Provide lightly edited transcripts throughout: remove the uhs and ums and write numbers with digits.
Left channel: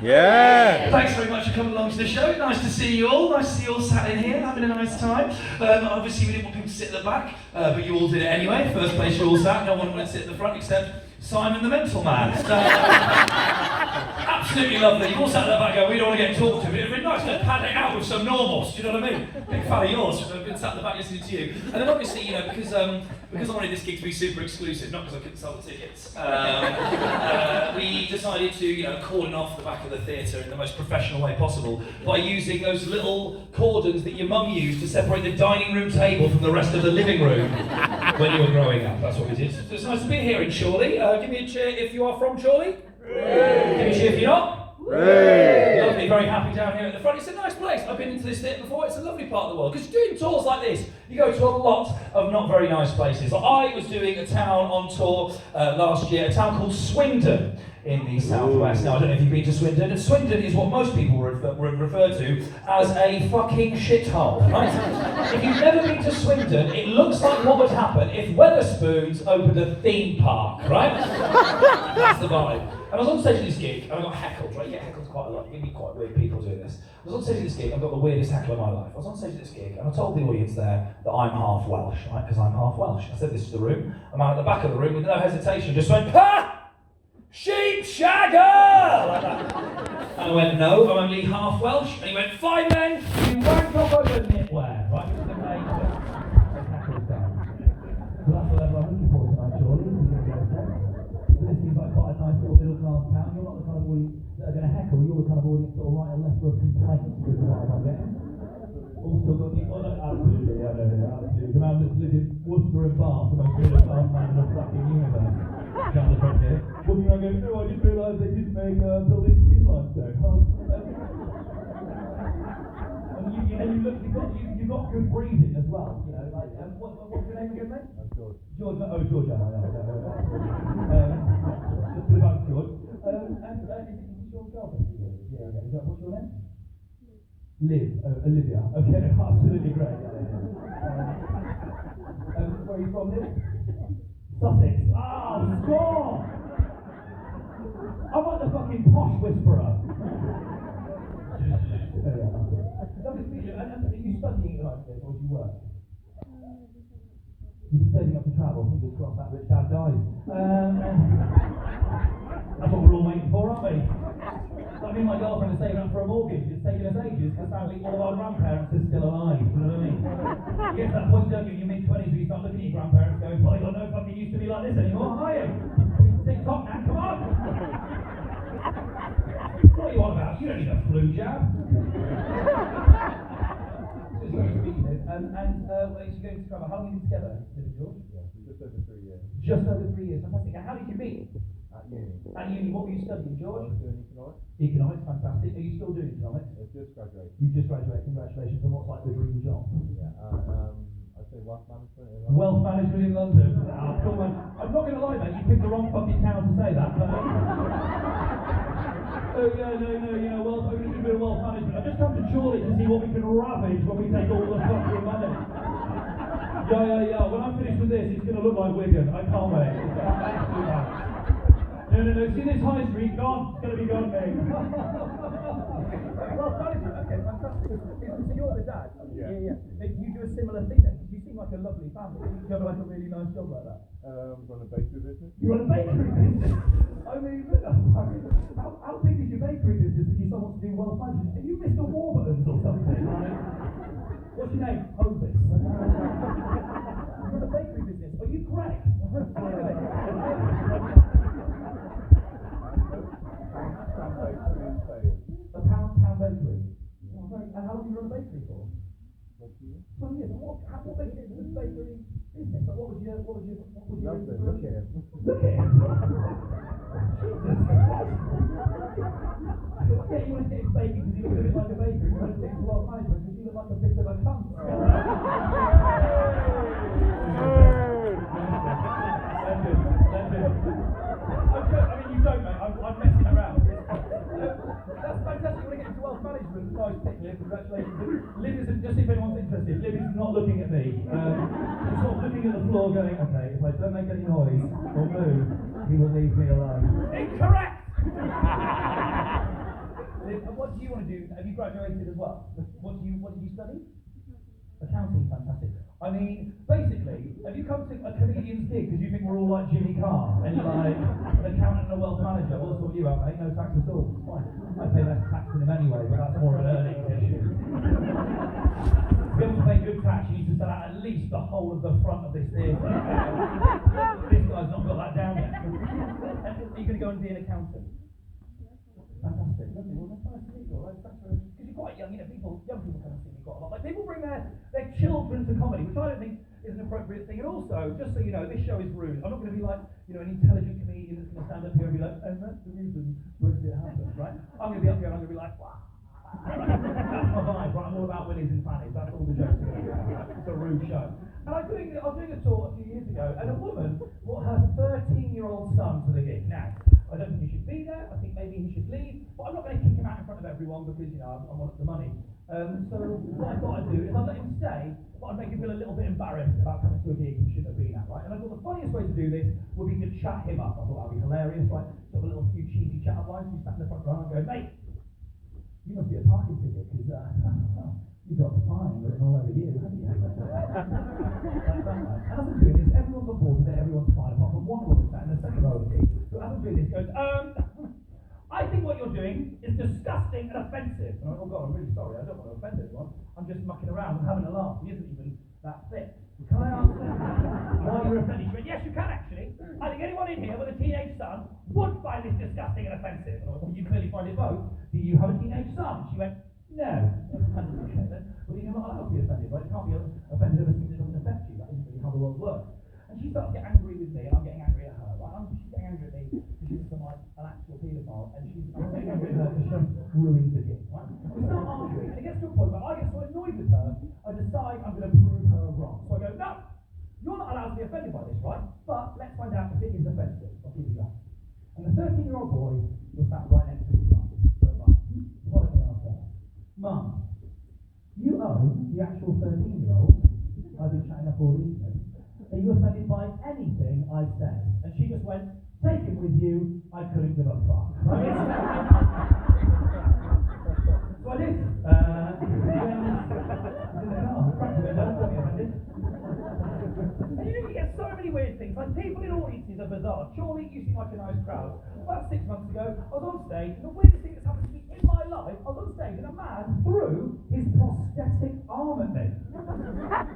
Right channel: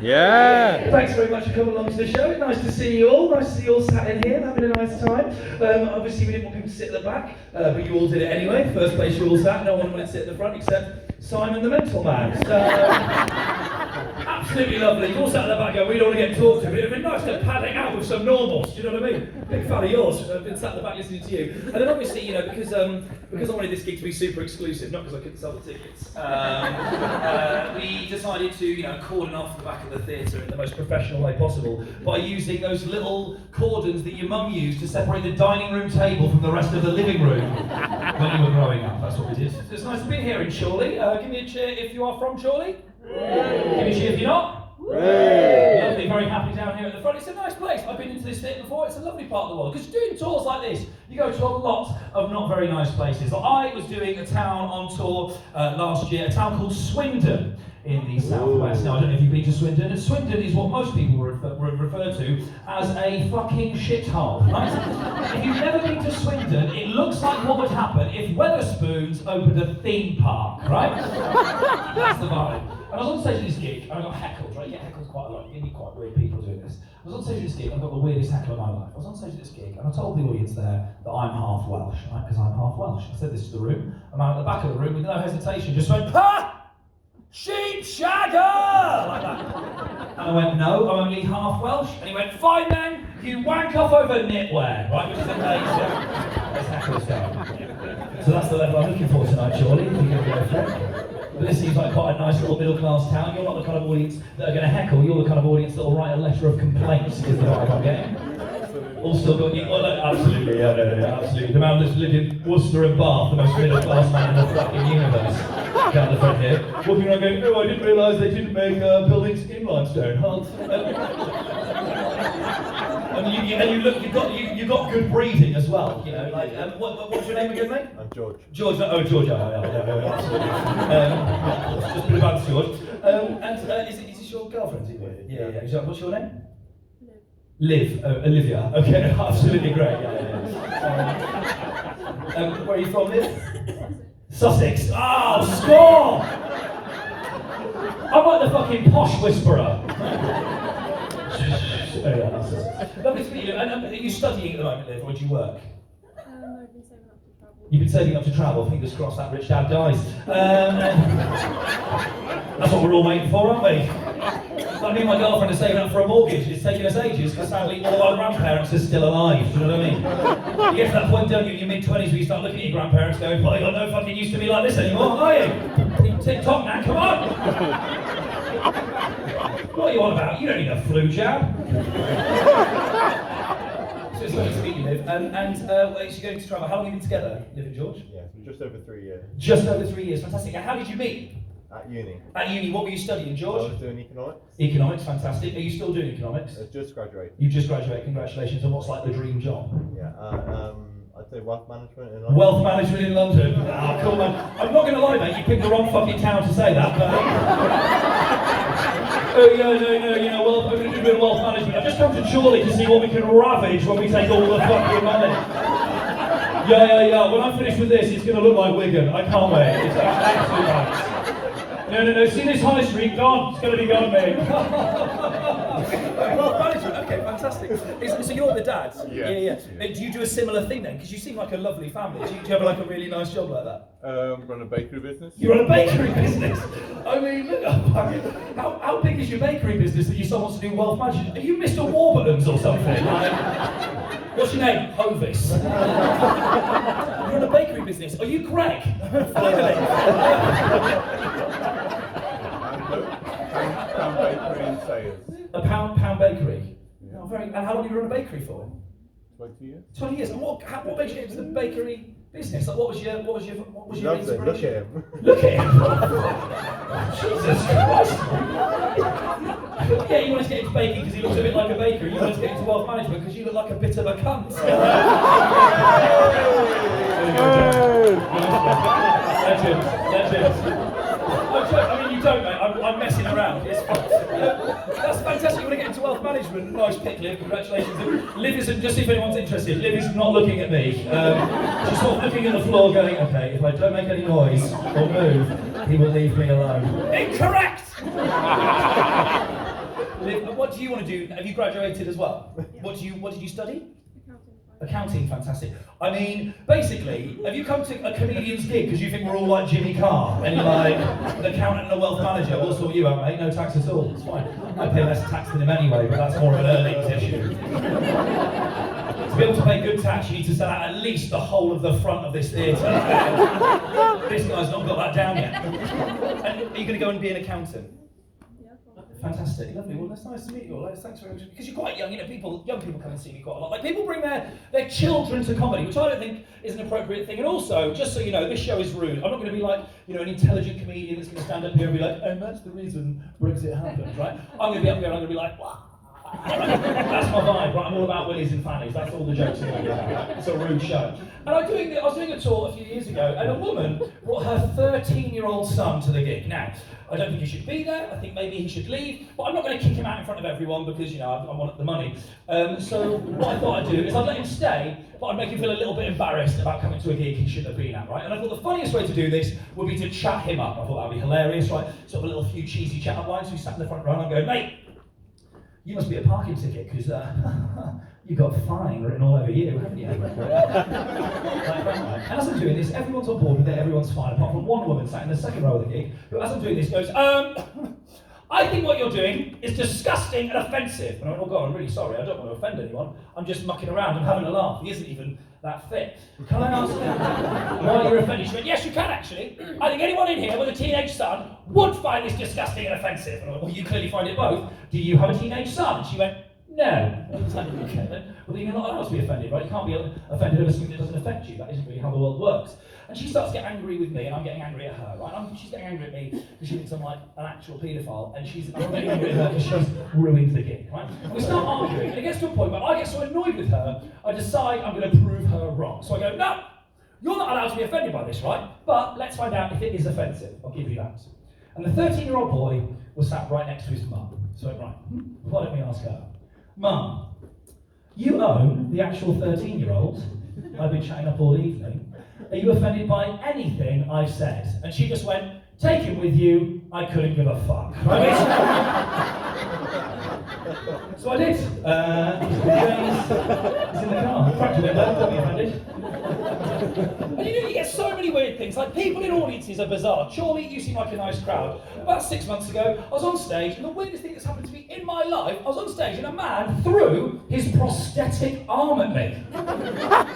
Yeah! Thanks very much for coming along to the show. Nice to see you all. Nice to see you all sat in here, having a nice time. Obviously, we didn't want people to sit at the back, but you all did it anyway. First place you all sat. No one wanted to sit at the front except Simon the Mental Man. So, absolutely lovely. You all sat at the back going, we don't want to get talked to. It would have been nice to pad it out with some normals, do you know what I mean? Big fan of yours. I've been sat at the back listening to you. And then obviously, you know, because I wanted this gig to be super exclusive, not because I couldn't sell the tickets, we decided to, you know, cordon off the back of the theatre in the most professional way possible by using those little cordons that your mum used to separate the dining room table from the rest of the living room when you were growing up. That's what we did. So it's nice to be here in Chorley. Give me a cheer if you are from Chorley. Give me a cheer if you're not. Lovely, very happy down here at the front. It's a nice place. I've been into this theatre before. It's a lovely part of the world. Because doing tours like this, you go to a lot of not very nice places. I was doing a town on tour last year, a town called Swindon in the southwest. Now, I don't know if you've been to Swindon. Swindon is what most people would refer to as a fucking shithole, right? If you've never been to Swindon, it looks like what would happen if Wetherspoons opened a theme park, right? That's the vibe. And I was on stage at this gig, and I got heckled, right? You get heckled quite a lot. You meet quite weird people doing this. I was on stage at this gig, I got the weirdest heckle of my life. I was on stage at this gig, and I told the audience there that I'm half Welsh, right? Because I'm half Welsh. I said this to the room. A man at the back of the room, with no hesitation, just went, "Ha! Sheep shagger!" Like that. And I went, "No, I'm only half Welsh." And he went, "Fine then, you wank up over knitwear," right? Which is amazing. That's heckles down. So that's the level I'm looking for tonight, surely. If you're going to go for it. But this seems like quite a nice little middle-class town. You're not the kind of audience that are going to heckle. You're the kind of audience that will write a letter of complaints, is the vibe I'm getting. All still got you. Well, absolutely, yeah, absolutely. The man that's lived in Worcester and Bath, the most middle-class man in the fucking universe. Down the front here. Walking around going, "Oh, I didn't realise they didn't make buildings in limestone, huh?" And you look, you've got good breeding as well, you know. Like, what's your name again, mate? I'm George. George, oh George, yeah, absolutely. Just a bit about George. And is this your girlfriend? Yeah. What's your name? Liv. Olivia. Okay, absolutely great. Yeah. Where are you from, Liv? Sussex. Ah, score! I'm like the fucking posh whisperer. Lovely to meet you. And are you studying at the moment, Liv, or do you work? You've been saving up to travel. Fingers crossed that rich dad dies. That's what we're all waiting for, aren't we? Like me and my girlfriend are saving up for a mortgage. It's taking us ages because sadly all our grandparents are still alive. Do you know what I mean? You get to that point, don't you, in your mid-20s, where you start looking at your grandparents going, "Well, I don't fucking used to be like this anymore, are you? TikTok now, come on!" What are you on about? You don't need a flu jab. So it's lovely to meet you, Liv. And where is she going to travel? How long have you been together, Liv and George? Yeah, just over 3 years. Just over 3 years, fantastic. And how did you meet? At uni. At uni, what were you studying, George? I was doing economics. Economics, fantastic. Are you still doing economics? I just graduated. You just graduated, congratulations. And what's like the dream job? Yeah, I'd say wealth management in London. Wealth management in London. Ah, cool, man. I'm not going to lie, mate, you picked the wrong fucking town to say that, but... Oh, no, you know, well, I'm going to do a bit of wealth management. I've just come to Chorley to see what we can ravage when we take all the fucking money. Yeah. When I'm finished with this, it's going to look like Wigan. I can't wait. It's absolutely nice. No. See this high street? Gone. It's going to be gone, mate. Wealth management. Okay, fantastic. So you're the dad? Yeah. Do you do a similar thing then? Because you seem like a lovely family. Do you have like a really nice job like that? Run a bakery business. You run a bakery business? I mean, how big is your bakery business that you still want to do wealth management? Are you Mr. Warburton's or something? What's your name? Hovis. You run a bakery business. Are you Greg? Finally. Pound bakery in Sayers. A pound bakery? Yeah. Oh, and how long have you run a bakery for? 20 years. 20 years. And what makes you into the bakery business? Like, what was your Lovely. inspiration? Look at him. Look at him. Jesus Christ. Yeah, you wanted to get into baking because he looks a bit like a baker. You wanted to get into wealth management because you look like a bit of a cunt. Legend. I mean, you don't, mate. I'm messing around. It's fine. That's fantastic. You want to get into wealth management? Nice pick, Liv. Congratulations. Liv isn't, just if anyone's interested, Liv is not looking at me. She's sort of looking at the floor going, okay, if I don't make any noise or move, he will leave me alone. Incorrect! Liv, what do you want to do? Have you graduated as well? What did you study? Accounting, fantastic. I mean, basically, have you come to a comedian's gig because you think we're all like Jimmy Carr and you're like an accountant and a wealth manager? We'll sort you out, mate. No tax at all. It's fine. I pay less tax than him anyway, but that's more of an earnings issue. To be able to pay good tax, you need to sell out at least the whole of the front of this theatre. This guy's not got that down yet. And are you going to go and be an accountant? Fantastic, lovely. Well, that's nice to meet you all. Thanks very much. Because you're quite young, you know. Young people come and see me quite a lot. Like people bring their children to comedy, which I don't think is an appropriate thing. And also, just so you know, this show is rude. I'm not going to be like, you know, an intelligent comedian that's going to stand up here and be like, and that's the reason Brexit happened, right? I'm going to be up here and I'm going to be like, what? That's my vibe, right? I'm all about willies and fannies. That's all the jokes are going to be about. It's a rude show. And I was doing a tour a few years ago, and a woman brought her 13-year-old son to the gig. Now, I don't think he should be there. I think maybe he should leave, but I'm not going to kick him out in front of everyone because, you know, I want the money. So what I thought I'd do is I'd let him stay, but I'd make him feel a little bit embarrassed about coming to a gig he shouldn't have been at, right? And I thought the funniest way to do this would be to chat him up. I thought that would be hilarious, right? Sort of a little few cheesy chat-up lines. So he sat in the front row and I'm going, mate, you must be a parking ticket because you've got fine written all over you, haven't you? And as I'm doing this, everyone's on board with it, everyone's fine, apart from one woman sat in the second row of the gig, who as I'm doing this goes, I think what you're doing is disgusting and offensive. And I went, oh God, I'm really sorry, I don't want to offend anyone. I'm just mucking around, I'm having a laugh. He isn't even that fit. Can I ask why you're offended? She went, yes, you can actually. I think anyone in here with a teenage son would find this disgusting and offensive. And I went, well, you clearly find it both. Do you have a teenage son? And she went, no. I was like, okay then. Well, then you're not allowed to be offended, right? You can't be offended over something that doesn't affect you. That isn't really how the world works. And she starts to get angry with me, and I'm getting angry at her, right? She's getting angry at me because she thinks I'm like an actual paedophile, and I'm getting angry at her because she's ruined the gig, right? We start arguing, and it gets to a point where I get so annoyed with her, I decide I'm going to prove her wrong. So I go, no, you're not allowed to be offended by this, right? But let's find out if it is offensive. I'll give you that. And the 13-year-old boy was sat right next to his mum. So I went, right, why don't we ask her? Mum, you own the actual 13-year-old I've been chatting up all evening. Are you offended by anything I've said? And she just went, take him with you, I couldn't give a fuck. Right? So I did. He's in the car. Cracked the window, don't be offended. And you know, you get so many weird things. Like, people in audiences are bizarre. Surely you seem like a nice crowd. About 6 months ago, I was on stage, and the weirdest thing that's happened to me in my life, I was on stage, and a man threw his prosthetic arm at me. I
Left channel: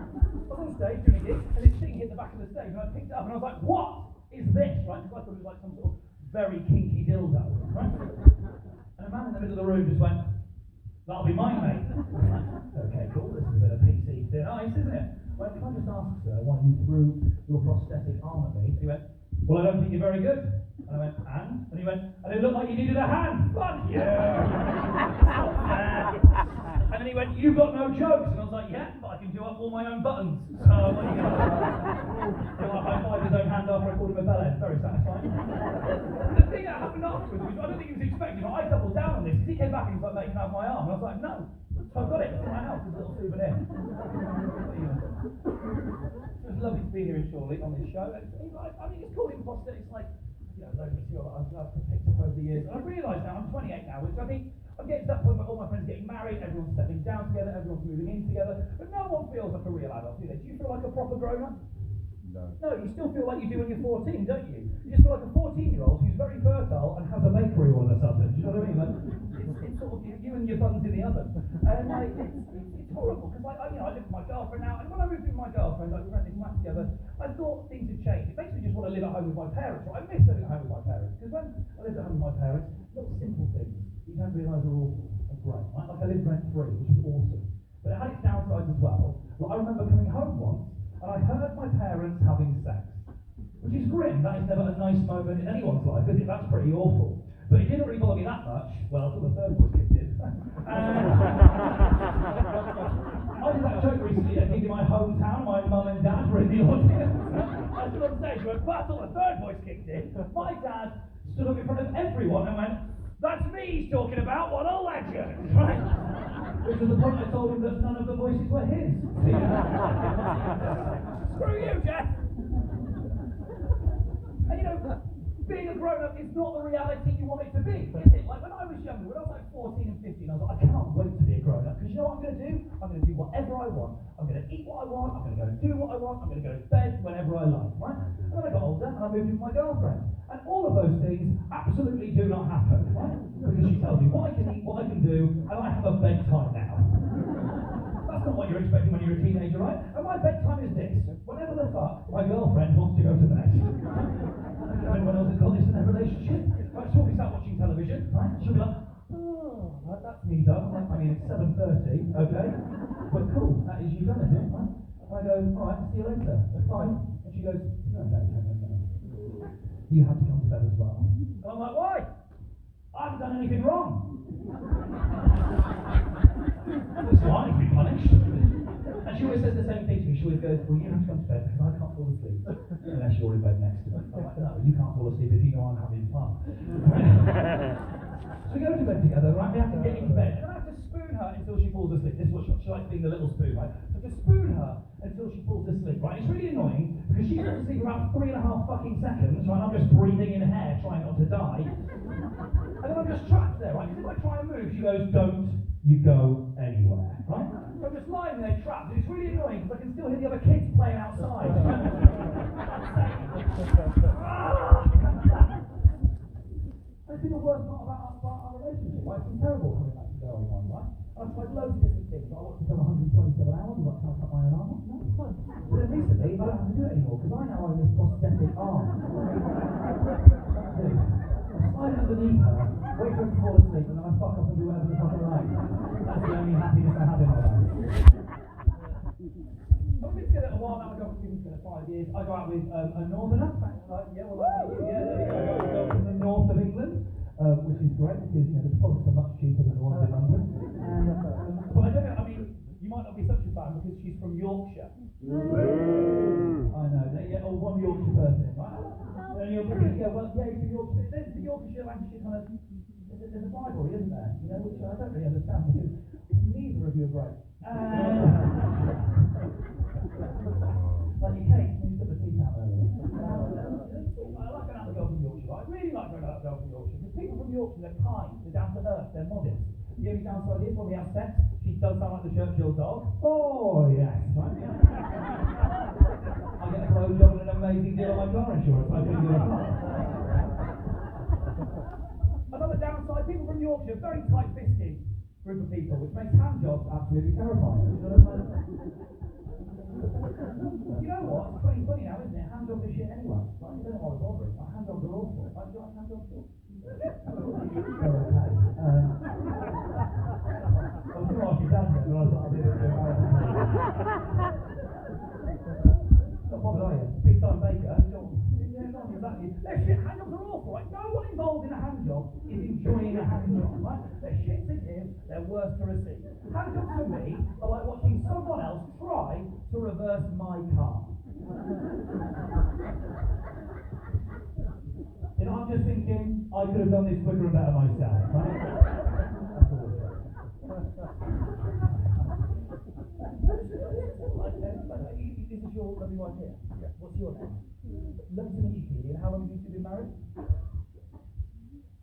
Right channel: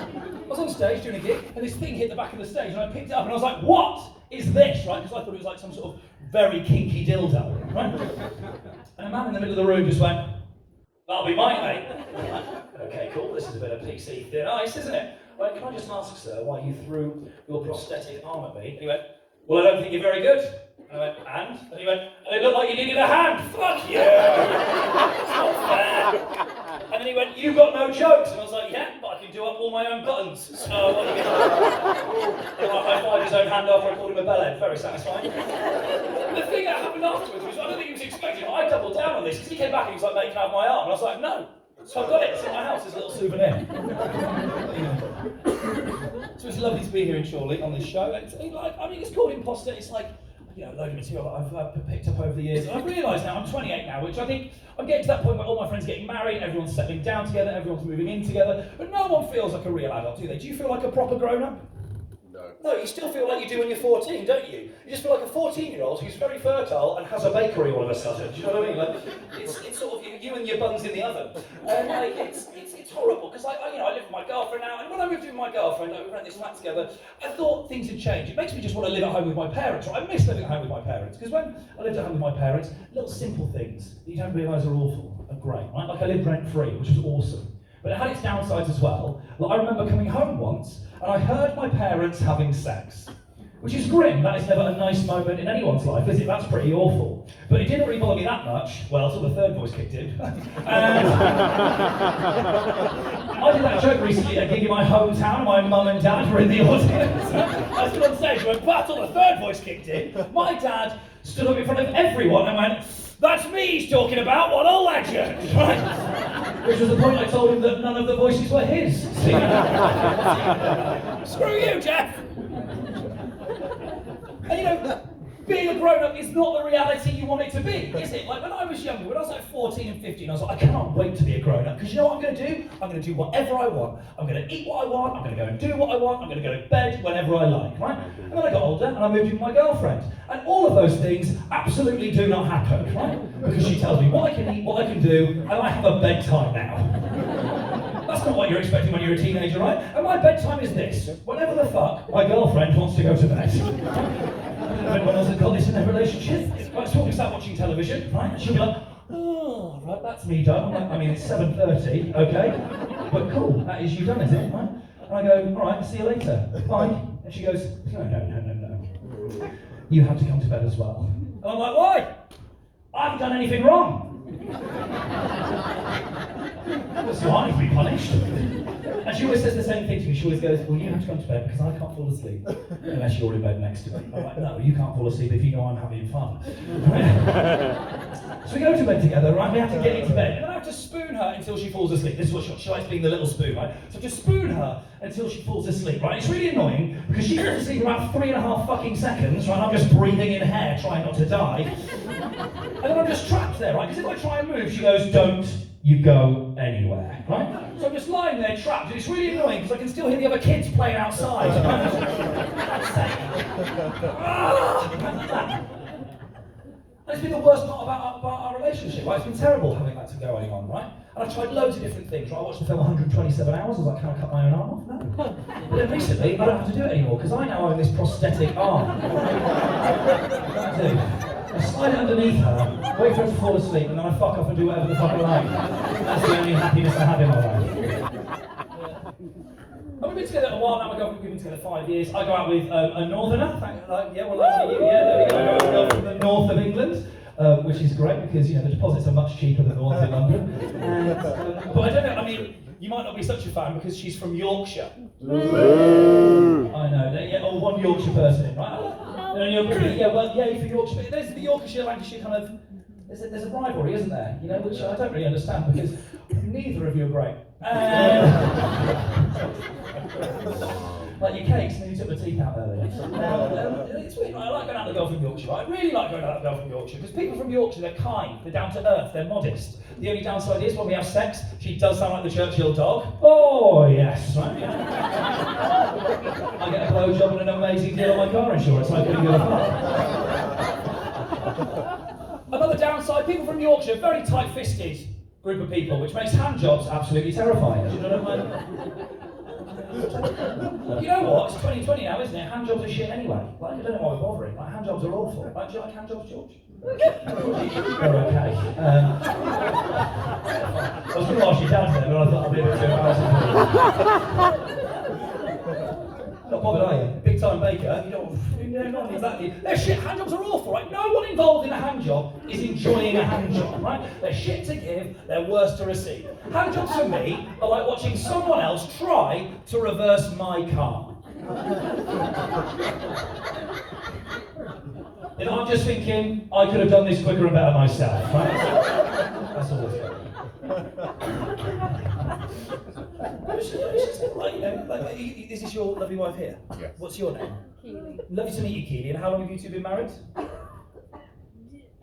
was on stage doing a gig, and this thing hit the back of the stage, and I picked it up, and I was like, what is this, right? Because I thought it was like some sort of very kinky dildo, right? And a man in the middle of the room just went, that'll be mine, mate. Okay, cool, this is a bit of PC thin ice, isn't it? Right, can I just ask, sir, why you threw your prosthetic arm at me? And he went, well, I don't think you're very good. And I went, and? And he went, and it looked like you needed a hand. Fuck you! It's not fair. And then he went, you got no jokes. And I was like, yeah, but I can do up all my own buttons. So what are you going to do? I high-fived his own hand after I called him a bellhead. Very satisfying. The thing that happened afterwards was, I don't think he was expecting it. I doubled down on this, because he came back and he was like, mate, can I have my arm? And I was like, no. So I've got it, it's in my house, it's a little souvenir. So it's lovely to be here in Chorley on this show. It's called Imposter. It's like, you know, a load of material that I've picked up over the years. And I've realised now, I'm 28 now, which I think I'm getting to that point where all my friends are getting married, everyone's settling down together, everyone's moving in together, but no one feels like a real adult, do they? Do you feel like a proper grown-up? No, you still feel like you do when you're 14, don't you? You just feel like a 14-year-old who's very fertile and has a bakery all of a sudden. Do you know what I mean? Like, it's sort of you and your buns in the oven. And like, it's horrible because I live with my girlfriend now, and when I moved in with my girlfriend, we rent this flat together. I thought things had changed. It makes me just want to live at home with my parents. Right? I miss living at home with my parents because when I lived at home with my parents, little simple things that you don't realise are awful are great. Right? Like I lived rent-free, which was awesome. But it had its downsides as well. Like I remember coming home once and I heard my parents having sex, which is grim. That is never a nice moment in anyone's life, is it? That's pretty awful. But it didn't really bother me that much, well, until the third voice kicked in. And I did that joke recently at a gig in my hometown. My mum and dad were in the audience. I stood on stage and went, but until the third voice kicked in, my dad stood up in front of everyone and went, that's me he's talking about, what a legend, right? Which was the point I told him that none of the voices were his. Screw you, Jeff! And you know, being a grown-up is not the reality you want it to be, is it? Like when I was younger, when I was like 14 and 15, I was like, I cannot wait to be a grown-up, because you know what I'm going to do? I'm going to do whatever I want. I'm going to eat what I want, I'm going to go and do what I want, I'm going to go to bed whenever I like, right? And then I got older and I moved in with my girlfriend. And all of those things absolutely do not happen, right? Because she tells me what I can eat, what I can do, and I have a bedtime now. That's not what you're expecting when you're a teenager, right? And my bedtime is this. Whenever the fuck my girlfriend wants to go to bed. Everyone else has got this in their relationship. Right, so we start watching television, right? And she'll be like, oh, right, that's me done. I'm like, I mean, it's 7:30, okay? But cool, that is you done, is it? Right? And I go, all right, see you later. Bye. And she goes, no. You have to come to bed as well. And I'm like, why? I haven't done anything wrong. So I need to be punished. And she always says the same thing to me. She always goes, well, you have to come to bed because I can't fall asleep unless you're in bed next to me. I'm like, no, you can't fall asleep if you know I'm having fun. So we go to bed together, right? We have to get into bed. And then I have to spoon her until she falls asleep. This is what she likes being the little spoon, right? So just spoon her until she falls asleep, right? It's really annoying because she falls asleep in about 3.5 fucking seconds, right? I'm just breathing in hair, trying not to die. And then I'm just trapped there, right? Because if I try and move, she goes, don't you go anywhere, right? So I'm just lying there trapped, and it's really annoying because I can still hear the other kids playing outside. It's been the worst part about our relationship, right? It's been terrible having that going on, right? And I've tried loads of different things, right? I watched the film 127 Hours, I was like, can I cut my own arm off? No. But then recently, I don't have to do it anymore, because I now own this prosthetic arm. I do. I slide it underneath her, wait for her to fall asleep, and then I fuck off and do whatever the fuck I like. That's the only happiness I have in my life. We've been together a while now, we've been together 5 years. I go out with a northerner, there we go, from the north of England, which is great because, you know, the deposits are much cheaper than the ones in London. And, but I don't know, I mean, you might not be such a fan because she's from Yorkshire. I know, yeah, or one Yorkshire person, right? And you're really, yeah, well, yeah, for Yorkshire, but there's the Yorkshire, Lancashire kind of, there's a rivalry, isn't there? You know, which I don't really understand because neither of you are great. Like your cakes, and then you took the teeth out earlier. It's weird. I like going out with a girl from Yorkshire. I really like going out with a girl from Yorkshire because people from Yorkshire, they're kind, they're down to earth, they're modest. The only downside is when we have sex, she does sound like the Churchill dog. Oh yes, right? I get a blowjob and an amazing deal on my car insurance. I couldn't give a fuck. Another downside: people from Yorkshire, very tight-fisted group of people, which makes hand jobs absolutely terrifying. Do you know what I mean? You know what? It's 2020 now, isn't it? Hand jobs are shit anyway. Like, I don't know why we're bothering. Like, hand jobs are awful. Like, do you like hand jobs, George? They're okay. I was going to ask you down there, but I thought I'd be a bit too embarrassing. Not bothered, are you? Big time baker. You don't. Not exactly. They're shit. Hand jobs are awful, right? No one involved in a hand job is enjoying a hand job, right? They're shit to give, they're worse to receive. Hand jobs for me are like watching someone else try to reverse my car. And I'm just thinking, I could have done this quicker and better myself, right? That's all it's Is this your lovely wife here? Yes. What's your name? Keely. Lovely to meet you, Keely. And how long have you two been married?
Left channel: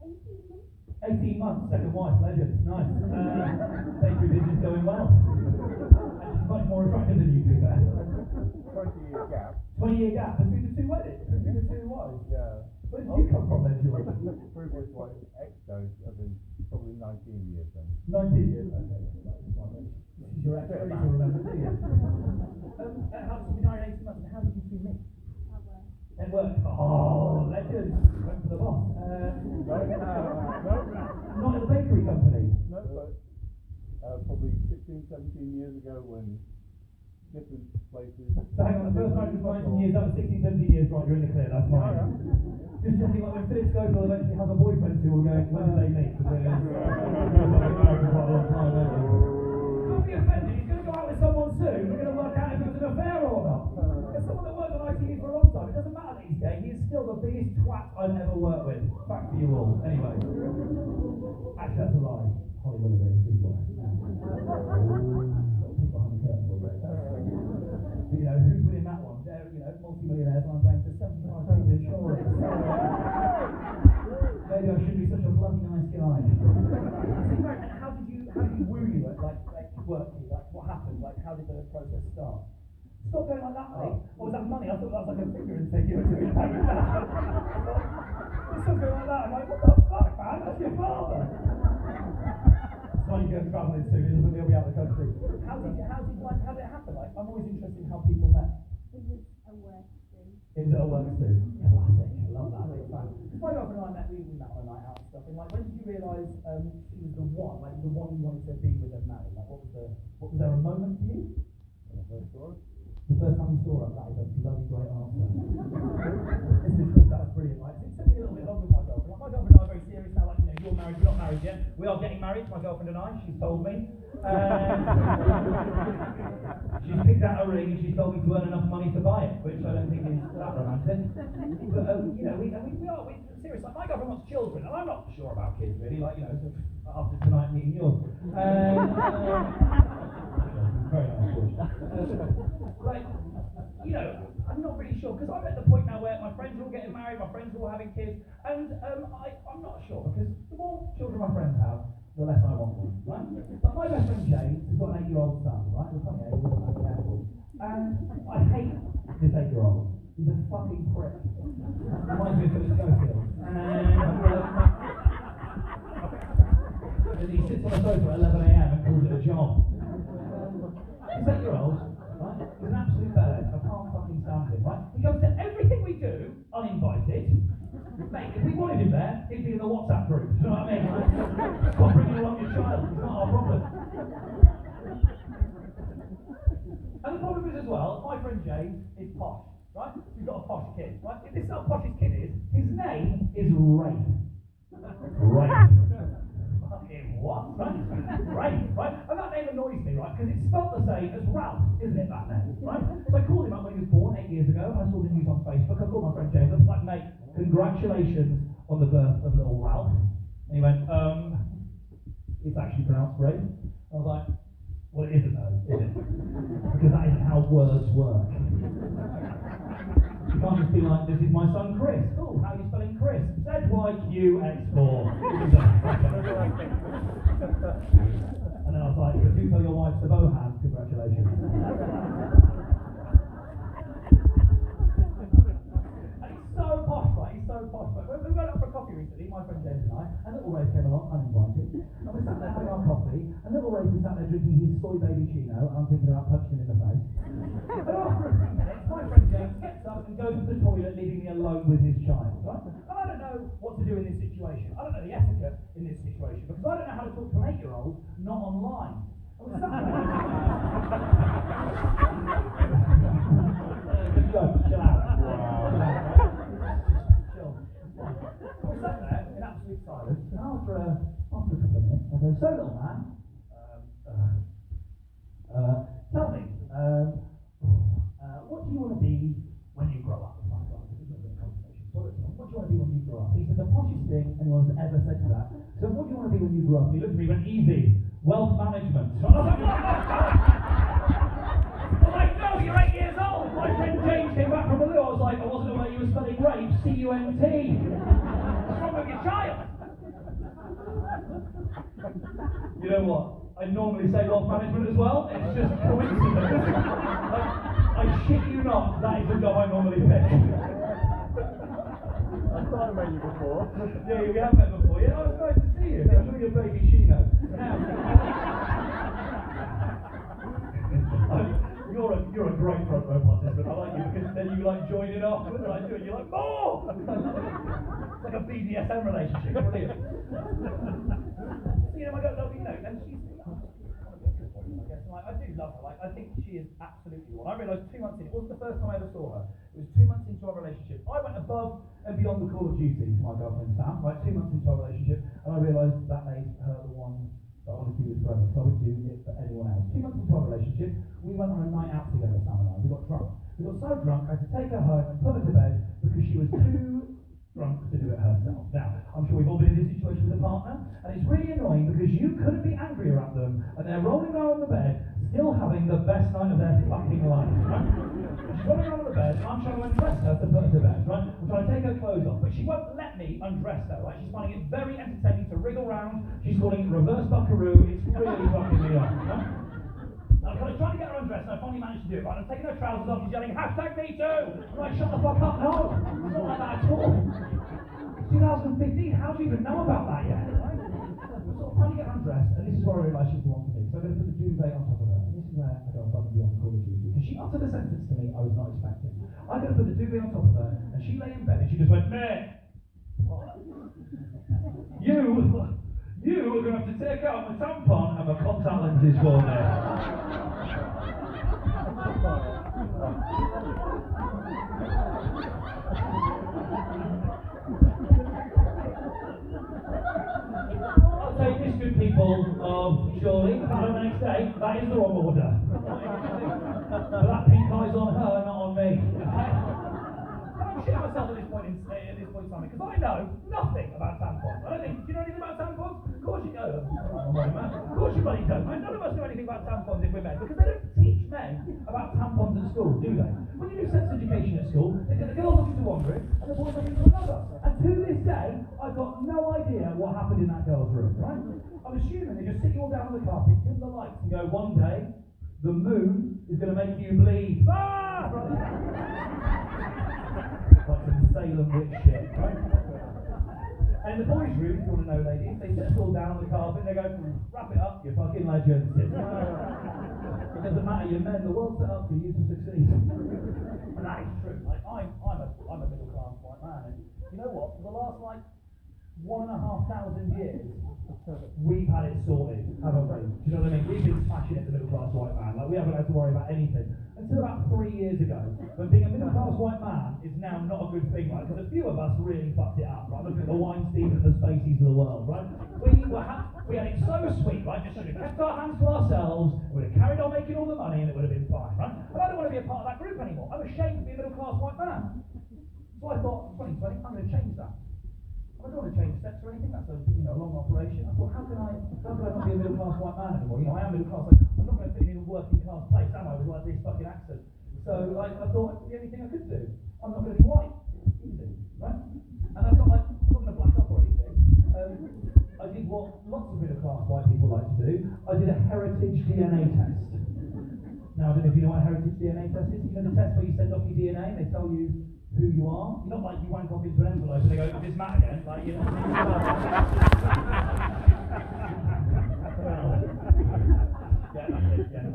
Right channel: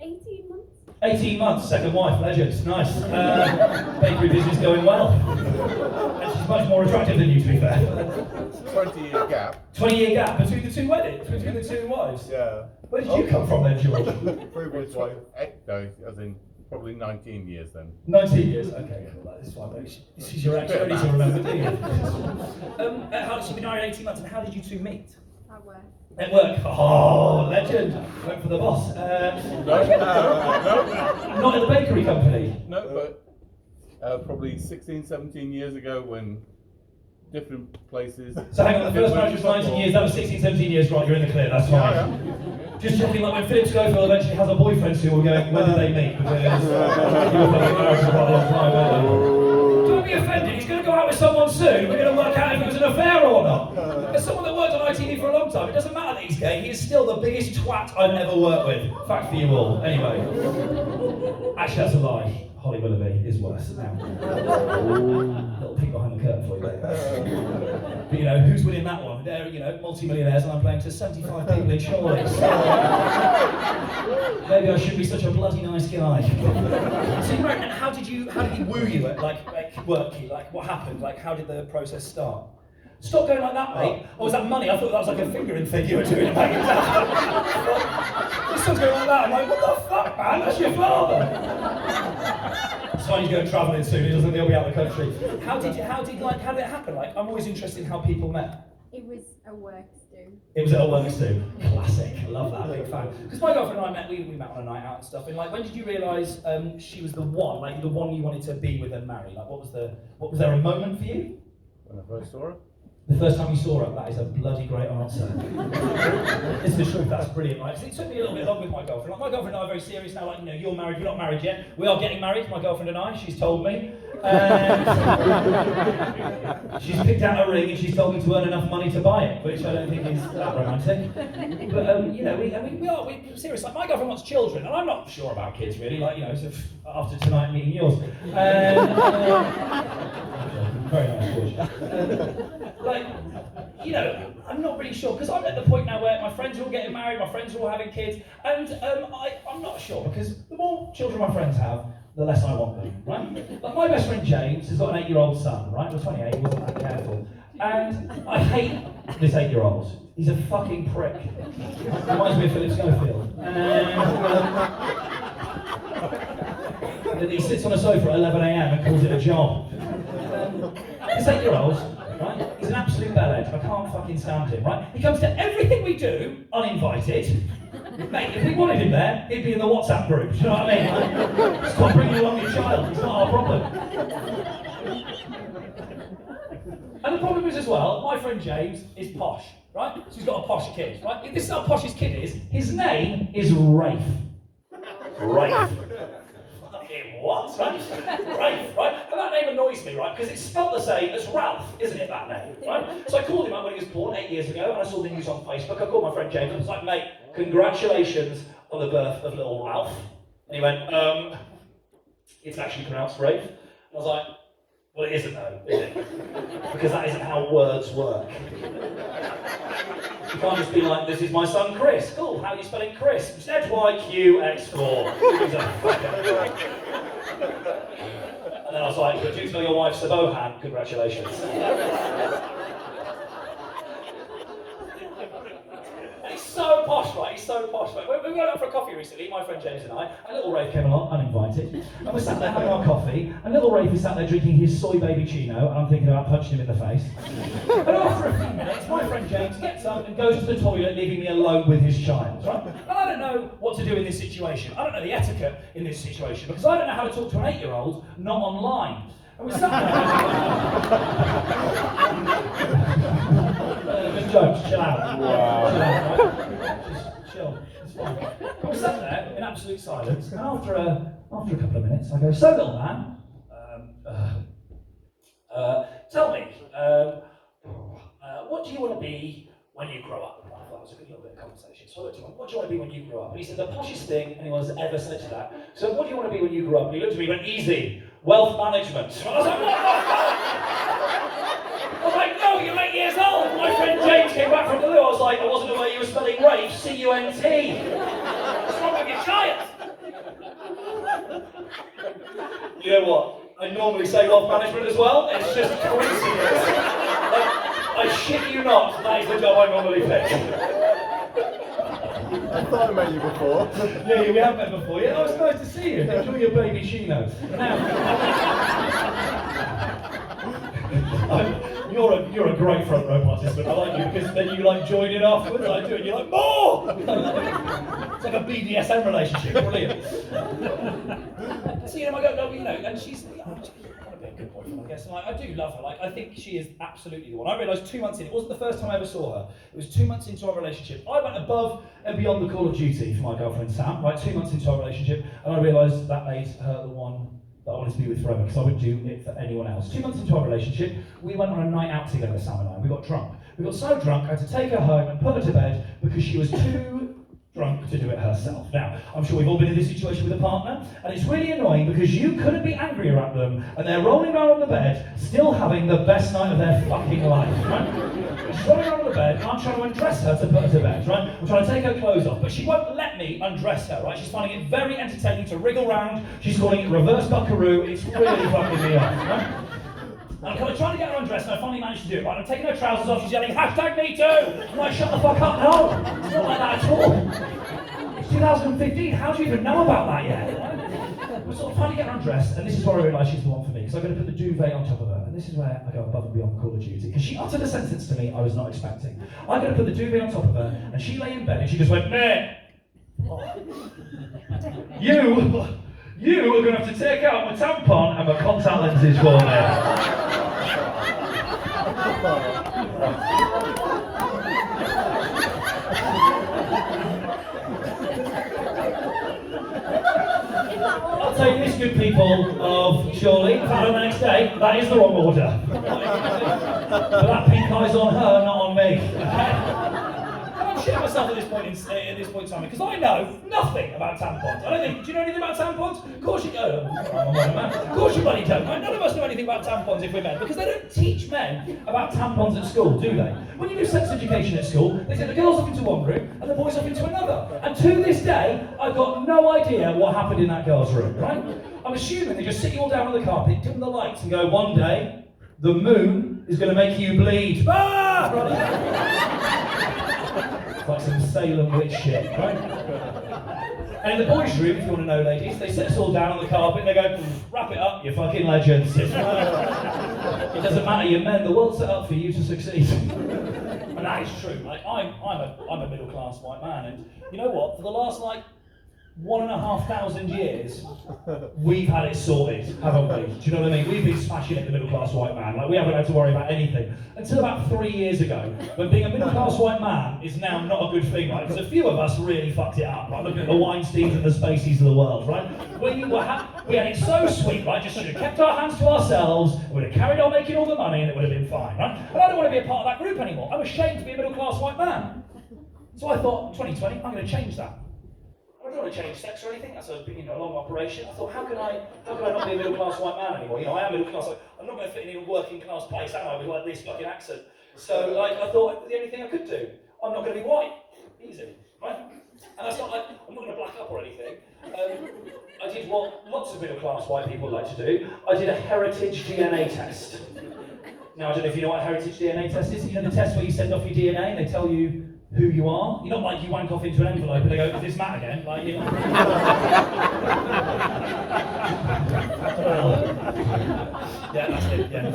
18 months. 18 months, second wife, legend, nice. Bakery business going well. And she's much more attractive than you, to be fair. 20-year gap. 20-year gap between the two weddings, between the two wives. Yeah. Where did you come from then, George? Previous wife, no, as in probably 19 years then. 19 years, okay, well, that is fine. This is your ex, you don't need to remember, do you? How did you be married 18 months, and how did you two meet? At work. At work. Oh, legend. Went for the boss. No. Not at the bakery company. No, but probably 16, 17 years ago when different places. So hang on, the first marriage was 19 years, that was 16, 17 years, right, you're in the clear, that's fine. Yeah. Just checking, like when Philip Schofield eventually has a boyfriend soon, we're going, when did they meet? Because you were fucking married for quite a long time, weren't you? Don't be offended, he's going to go out with someone soon, we're going to work out if it was an affair or not. As someone that worked on ITV for a long time, it doesn't matter that he's gay, he is still the biggest twat I've ever worked with. Fact for you all. Anyway. Actually, that's a lie. Holly Willoughby is worse now. Little peek behind the curtain for you later. But you know, who's winning that one? They're, you know, multi-millionaires and I'm playing to 75 people in Chorley. Maybe I shouldn't be such a bloody nice guy. So you wrote, how did he woo you at like work? Like what happened? Like how did the process start? Stop going like that, mate. Or was that money? I thought that was like a fingering thing you were doing back in town. This son's going like that. I'm like, what the fuck, man? That's your father. It's fine, he's going travelling soon. He doesn't think he'll be out of the country. How did it happen? Like, I'm always interested in how people met. It was a work do. It was at a works do. Classic. I love that. Big fan. Because my girlfriend and I met. We met on a night out and stuff. And like, when did you realise she was the one? Like the one you wanted to be with and marry? Like, what was there a moment for you? When I first saw her. The first time you saw her, that is a bloody great answer. It's the truth, that's brilliant, right? So it took me a little bit long with my girlfriend. Like, my girlfriend and I are very serious now, like, you know, you're married, we're not married yet. We are getting married, my girlfriend and I, she's told me. She's picked out a ring and she's told me to earn enough money to buy it, which I don't think is that romantic. But, you know, we're serious. Like, my girlfriend wants children, and I'm not sure about kids, really, like, you know, sort of after tonight meeting yours. Very nice, George. Like, you know, I'm not really sure, because I'm at the point now where my friends are all getting married, my friends are all having kids, and I'm not sure, because the more children my friends have, the less I want them, right? Like my best friend James has got an 8-year-old son, right? He was 28, he wasn't that careful. And I hate this 8-year-old. He's a fucking prick. Reminds me of Philip Schofield. And he sits on a sofa at 11 a.m. and calls it a job. This 8-year-old, right, he's an absolute bellend. I can't fucking stand him, right? He comes to everything we do uninvited. Mate, if we wanted him there, he'd be in the WhatsApp group, do you know what I mean? Like, stop bringing along your child, it's not our problem. And the problem is as well, my friend James is posh, right? So he's got a posh kid, right? This is how posh his kid is. His name is Rafe. Rafe. What? Right? Rafe, right? And that name annoys me, right? Because it's spelled the same as Ralph, isn't it, that name, right? So I called him up when he was born 8 years ago, and I saw the news on Facebook. I called my friend James, and I was like, mate, congratulations on the birth of little Ralph. And he went, it's actually pronounced Rafe. And I was like, well, it isn't though, is it? Because that isn't how words work. You can't just be like, this is my son Chris. Cool, how are you spelling Chris? ZYQX4. He's a fucker. And then I was like, but do tell your wife Sabohan, congratulations. He's so posh, right? He's so posh. Right? We went out for a coffee recently, my friend James and I, and little Rafe came along, uninvited, and we sat there having our coffee, and little Rafe is sat there drinking his soy baby chino, and I'm thinking about punching him in the face. And after a few minutes, my friend James gets up and goes to the toilet, leaving me alone with his child, right? And I don't know what to do in this situation. I don't know the etiquette in this situation, because I don't know how to talk to an 8-year-old not online. And we sat there. Good jokes, chill out. Wow. Chill out, right? Just chill, it's fine. We sat there in absolute silence, and after a couple of minutes, I go, so little man, tell me, what do you want to be when you grow up? And I thought that was a good little bit of conversation. So I looked at him, what do you want to be when you grow up? And he said, the poshest thing anyone's ever said to that. So what do you want to be when you grow up? And he looked at me and went, easy, wealth management. And I was like, what the fuck? I was like, no, you're 8 years old. My friend James came back from the loo. I was like, I wasn't aware you were spelling Rafe, C-U-N-T. What's wrong with your child? You know what? I normally say wealth management as well. It's just a coincidence. I shit you not, that is the job I normally pick. I thought I met you before. Yeah, we have met before. Yeah, oh, it's nice to see you. Enjoy your baby chino. Now, you're a great front row participant. I like you because then you like join in afterwards. I do it. You're like more. It's like a BDSM relationship. Brilliant. So you know, I go, you know, and she's kind of a good boyfriend, I guess. And I do love her. Like, I think she is absolutely the one. I realised 2 months in. It wasn't the first time I ever saw her. It was 2 months into our relationship. I went above and beyond the Call of Duty for my girlfriend Sam. Right, 2 months into our relationship, and I realised that made her the one that I wanted to be with forever, because I wouldn't do it for anyone else. 2 months into our relationship, we went on a night out together, Sam and I. We got drunk. We got so drunk, I had to take her home and put her to bed because she was too drunk to do it herself. Now, I'm sure we've all been in this situation with a partner, and it's really annoying because you couldn't be angrier at them, and they're rolling around on the bed, still having the best night of their fucking life, right? She's rolling around on the bed, and I'm trying to undress her to put her to bed, right? I'm trying to take her clothes off, but she won't let me undress her, right? She's finding it very entertaining to wriggle round. She's calling it reverse buckaroo. It's really fucking me off, right? And I'm kind of trying to get her undressed, and I finally managed to do it, right? I'm taking her trousers off, she's yelling, #MeToo! I'm like, shut the fuck up, no! It's not like that at all. It's 2015, how do you even know about that yet? Right? We're sort of trying to get her undressed, and this is where I realised she's the one for me, because I'm going to put the duvet on top of her, and this is where I go above and beyond Call of Duty, because she uttered a sentence to me I was not expecting. I'm going to put the duvet on top of her, and she lay in bed, and she just went, meh! You are going to have to take out my tampon and my contact lenses for me. I'll tell you this, good people of Chorley, on the next day, that is the wrong order. But that pink eye's on her, not on me. I'm shitting myself at this point in time because I know nothing about tampons. I don't think. Do you know anything about tampons? Of course you don't. Of course you bloody don't. None of us know anything about tampons if we're men because they don't teach men about tampons at school, do they? When you do sex education at school, they take the girls off into one room and the boys off into another. And to this day, I've got no idea what happened in that girl's room. Right? I'm assuming they just sit you all down on the carpet, dim the lights, and go, one day the moon is going to make you bleed. Ah! Like some Salem witch shit, right? And in the boys' room, if you want to know, ladies, they sit us all down on the carpet and they go, wrap it up, you fucking legends. It doesn't matter, you're men, the world's set up for you to succeed. And that is true. Like, I'm a middle-class white man, and you know what? For the last, 1,500 years, we've had it sorted, haven't we? Do you know what I mean? We've been smashing it, the middle-class white man. Like, we haven't had to worry about anything. Until about 3 years ago, when being a middle-class white man is now not a good thing, right? Because a few of us really fucked it up, right? Looking at the Weinsteins and the Spaceys of the world, right? We had it so sweet, right? Just should have kept our hands to ourselves, and we'd have carried on making all the money, and it would have been fine, right? But I don't want to be a part of that group anymore. I'm ashamed to be a middle-class white man. So I thought, 2020, I'm going to change that. I don't want to change sex or anything. That's a long operation. I thought, how can I not be a middle class white man anymore? I am middle class. I'm not going to fit in a working class place, am I? With this fucking accent. So I thought the only thing I could do, I'm not going to be white. Easy, right? And I'm not going to black up or anything. I did what lots of middle class white people like to do. I did a heritage DNA test. Now I don't know if you know what a heritage DNA test is. You know the test where you send off your DNA and they tell you who you are. You're not like you wank off into an envelope and they go, is this Matt again? Yeah, that's it, yeah.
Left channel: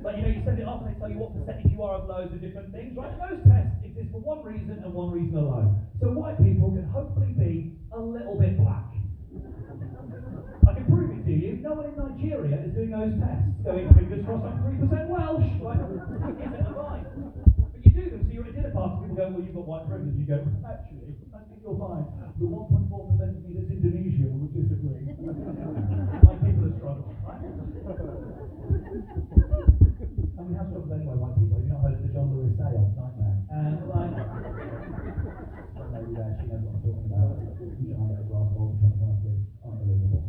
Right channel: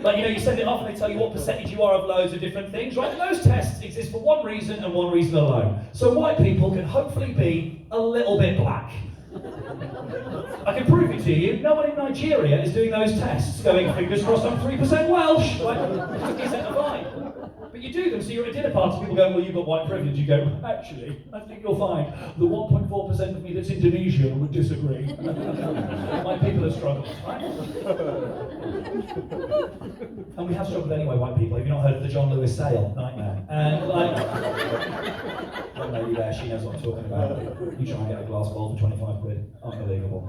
But you send it off and they tell you what percentage you are of loads of different things, right? And those tests exist for one reason and one reason alone. So white people can hopefully be a little bit black. I can prove it to you. No one in Nigeria is doing those tests, going, fingers crossed I'm 3% Welsh. Like, 50% of mine. But you do them, so you're at a dinner party, people go, well, you've got white privilege. You go, actually, I think you'll find the 1.4% of me that's Indonesian would disagree. White people have struggled, right? And we have struggled anyway, white people. Have you not heard of the John Lewis sale? Nightmare. And one lady there, she knows what I'm talking about. You try and get a glass bowl for 25 quid. Unbelievable.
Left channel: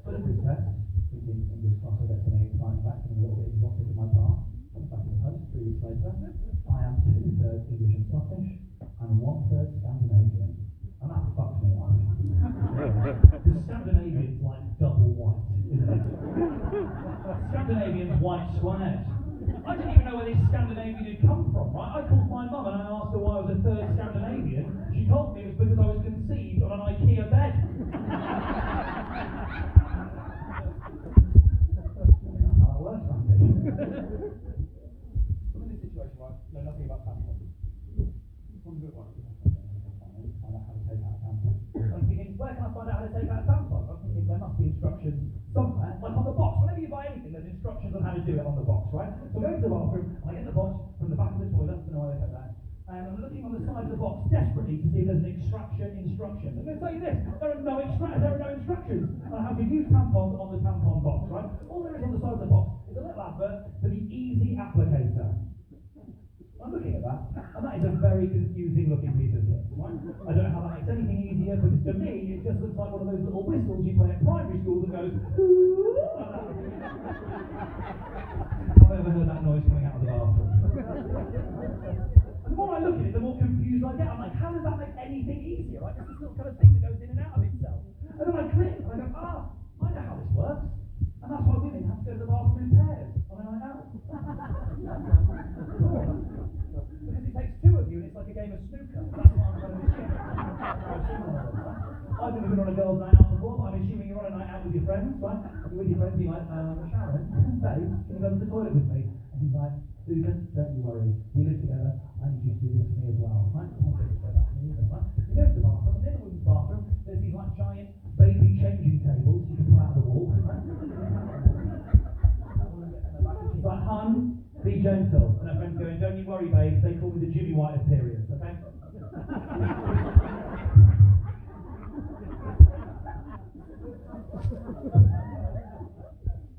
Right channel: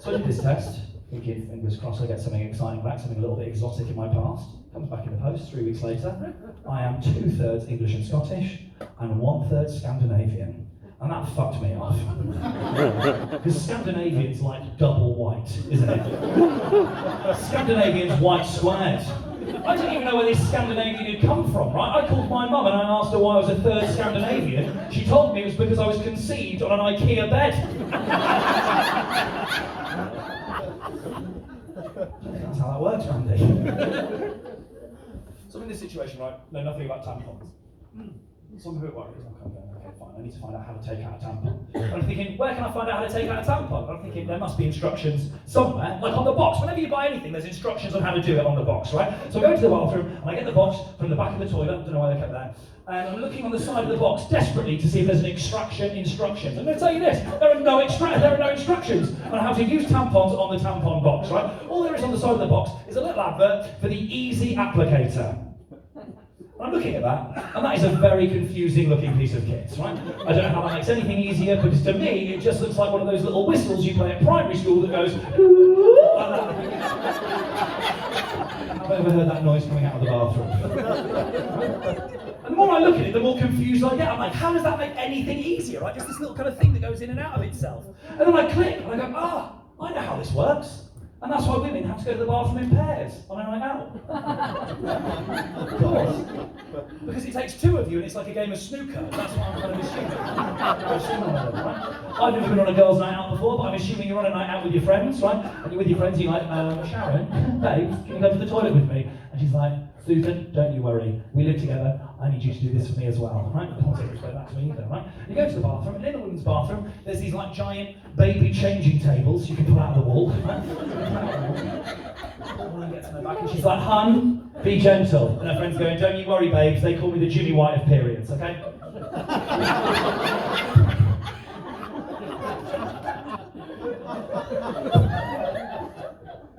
So I did this test, thinking, fingers crossed I get something exciting back, something a little bit exotic in my past. Comes back in the post 3 weeks later. I am 2/3 English and Scottish, and 1/3 Scandinavian. And that fucked me off. Because Scandinavian's like double white, isn't it? Scandinavian's white squared. I didn't even know where this Scandinavian had come from, right? I called my mum and I asked her why I was a 3rd Scandinavian. She told me it was because I was conceived on an IKEA bed. That's how that works, Randy. So I'm in this situation, right? Know nothing about tampons. So I'm a bit worried. I need to find out how to take out a tampon. And I'm thinking, where can I find out how to take out a tampon? I'm thinking there must be instructions somewhere, like on the box. Whenever you buy anything, there's instructions on how to do it on the box, right? So I go to the bathroom and I get the box from the back of the toilet, I don't know why they kept that, and I'm looking on the side of the box desperately to see if there's an extraction instructions. I'm going to tell you this, there are no instructions on how to use tampons on the tampon box, right? All there is on the side of the box is a little advert for the Easy Applicator. I'm looking at that, and that is a very confusing looking piece of kit, right? I don't know how that makes anything easier, because to me, it just looks like one of those little whistles you play at primary school that goes, I've ever heard that noise coming out of the bathroom. And the more I look at it, the more confused I get. I'm like, how does that make anything easier, right? Just this little kind of thing that goes in and out of itself. And then I click, and I go, I know how this works. And that's why women have to go to the bathroom in pairs on a night out. Of course. Because it takes two of you and it's like a game of snooker. That's what I'm kind of assuming. Right? I've never been on a girls' night out before, but I'm assuming you're on a night out with your friends, right? And you're with your friends, you're like, Sharon, babe, can you go to the toilet with me? And she's like, Susan, don't you worry, we live together, I need you to do this for me as well, right? I can't explain that to me either, right? You go to the bathroom, and in the women's bathroom, there's these like giant baby changing tables you can pull out of the wall, right? And she's like, hun, be gentle. And her friend's going, don't you worry, babes, they call me the Jimmy White of periods, okay?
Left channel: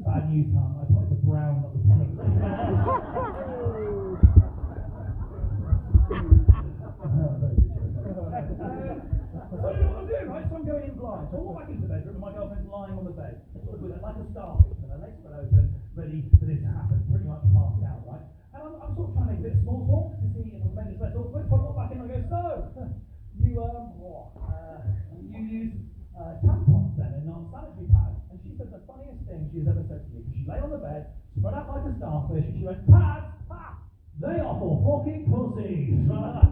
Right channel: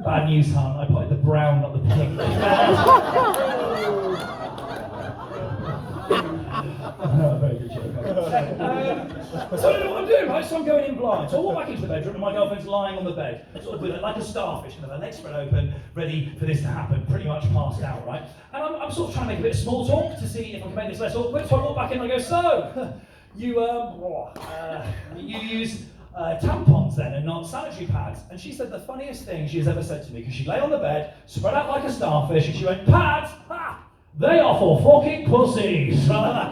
Bad news, hun, I put the brown, not the pink. Very good joke. So I don't know what I'm doing, right? So I'm going in blind. So I walk back into the bedroom and my girlfriend's lying on the bed, sort of with like a starfish, with her legs spread open, ready for this to happen, pretty much passed out, right? And I'm sort of trying to make a bit of small talk to see if I can make this less awkward. So I walk back in and I go, so, you use tampons then and not sanitary pads? And she said the funniest thing she has ever said to me, because she lay on the bed, spread out like a starfish, and she went, pads? Ha! They are for fucking pussies. And I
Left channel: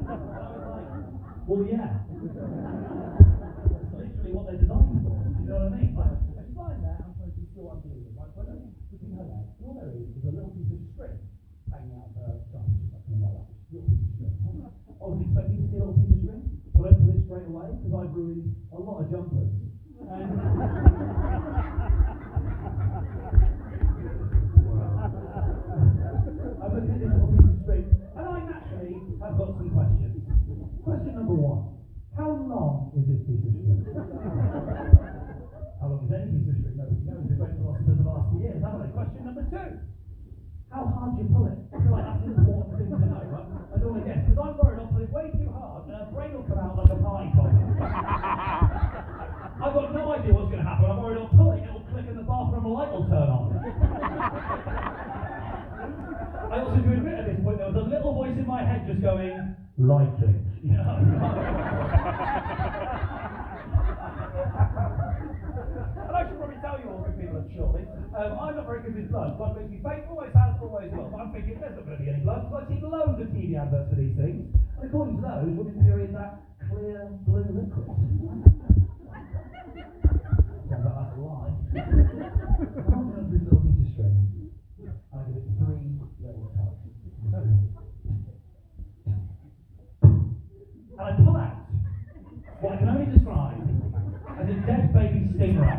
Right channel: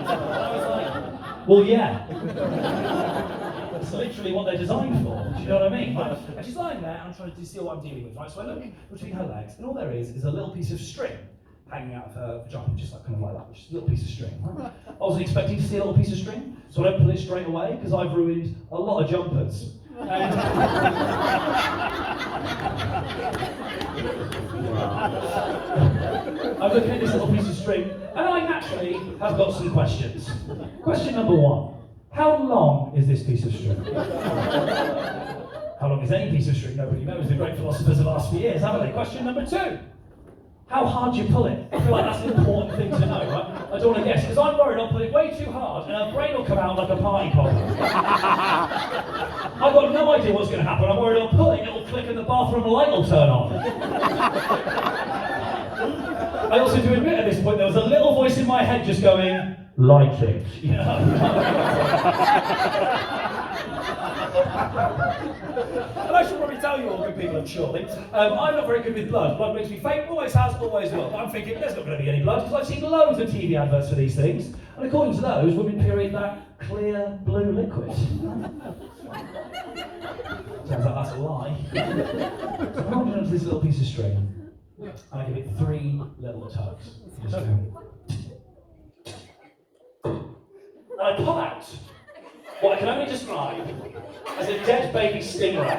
was like, well, yeah. That's literally what they're designed for. Do you know what I mean? Right? And she's lying there, and I'm trying to see what I'm dealing with. Right? So I look between her legs, and all there is a little piece of string hanging out of her vagina, just like kind of like that, just a little piece of string. Right? I wasn't expecting to see a little piece of string, so I don't pull it straight away because I've ruined a lot of jumpers. I'm looking at this little piece of string, and I naturally have got some questions. Question number one: how long is this piece of string? How long is any piece of string? Nobody knows. The great philosophers of the last few years, haven't they? Question number two: how hard do you pull it? I feel like that's an important thing to know, right? I don't want to guess, because I'm worried I'll pull it way too hard and her brain will come out like a party popper. I've got no idea what's going to happen. I'm worried I'll pull it, it'll click and the bathroom light will turn on. I also do admit at this point there was a little voice in my head just going, light it. You know? And I should probably tell you all good people, I'm surely. I'm not very good with blood. Blood makes me faint, always has, always will. But I'm thinking there's not going to be any blood, because I've seen loads of TV adverts for these things. And according to those, women period that clear blue liquid. Sounds like that's a lie. So I'm holding onto this little piece of string, and I give it 3 little tugs. Just go. And I pull out what I can only describe as a dead baby stingray.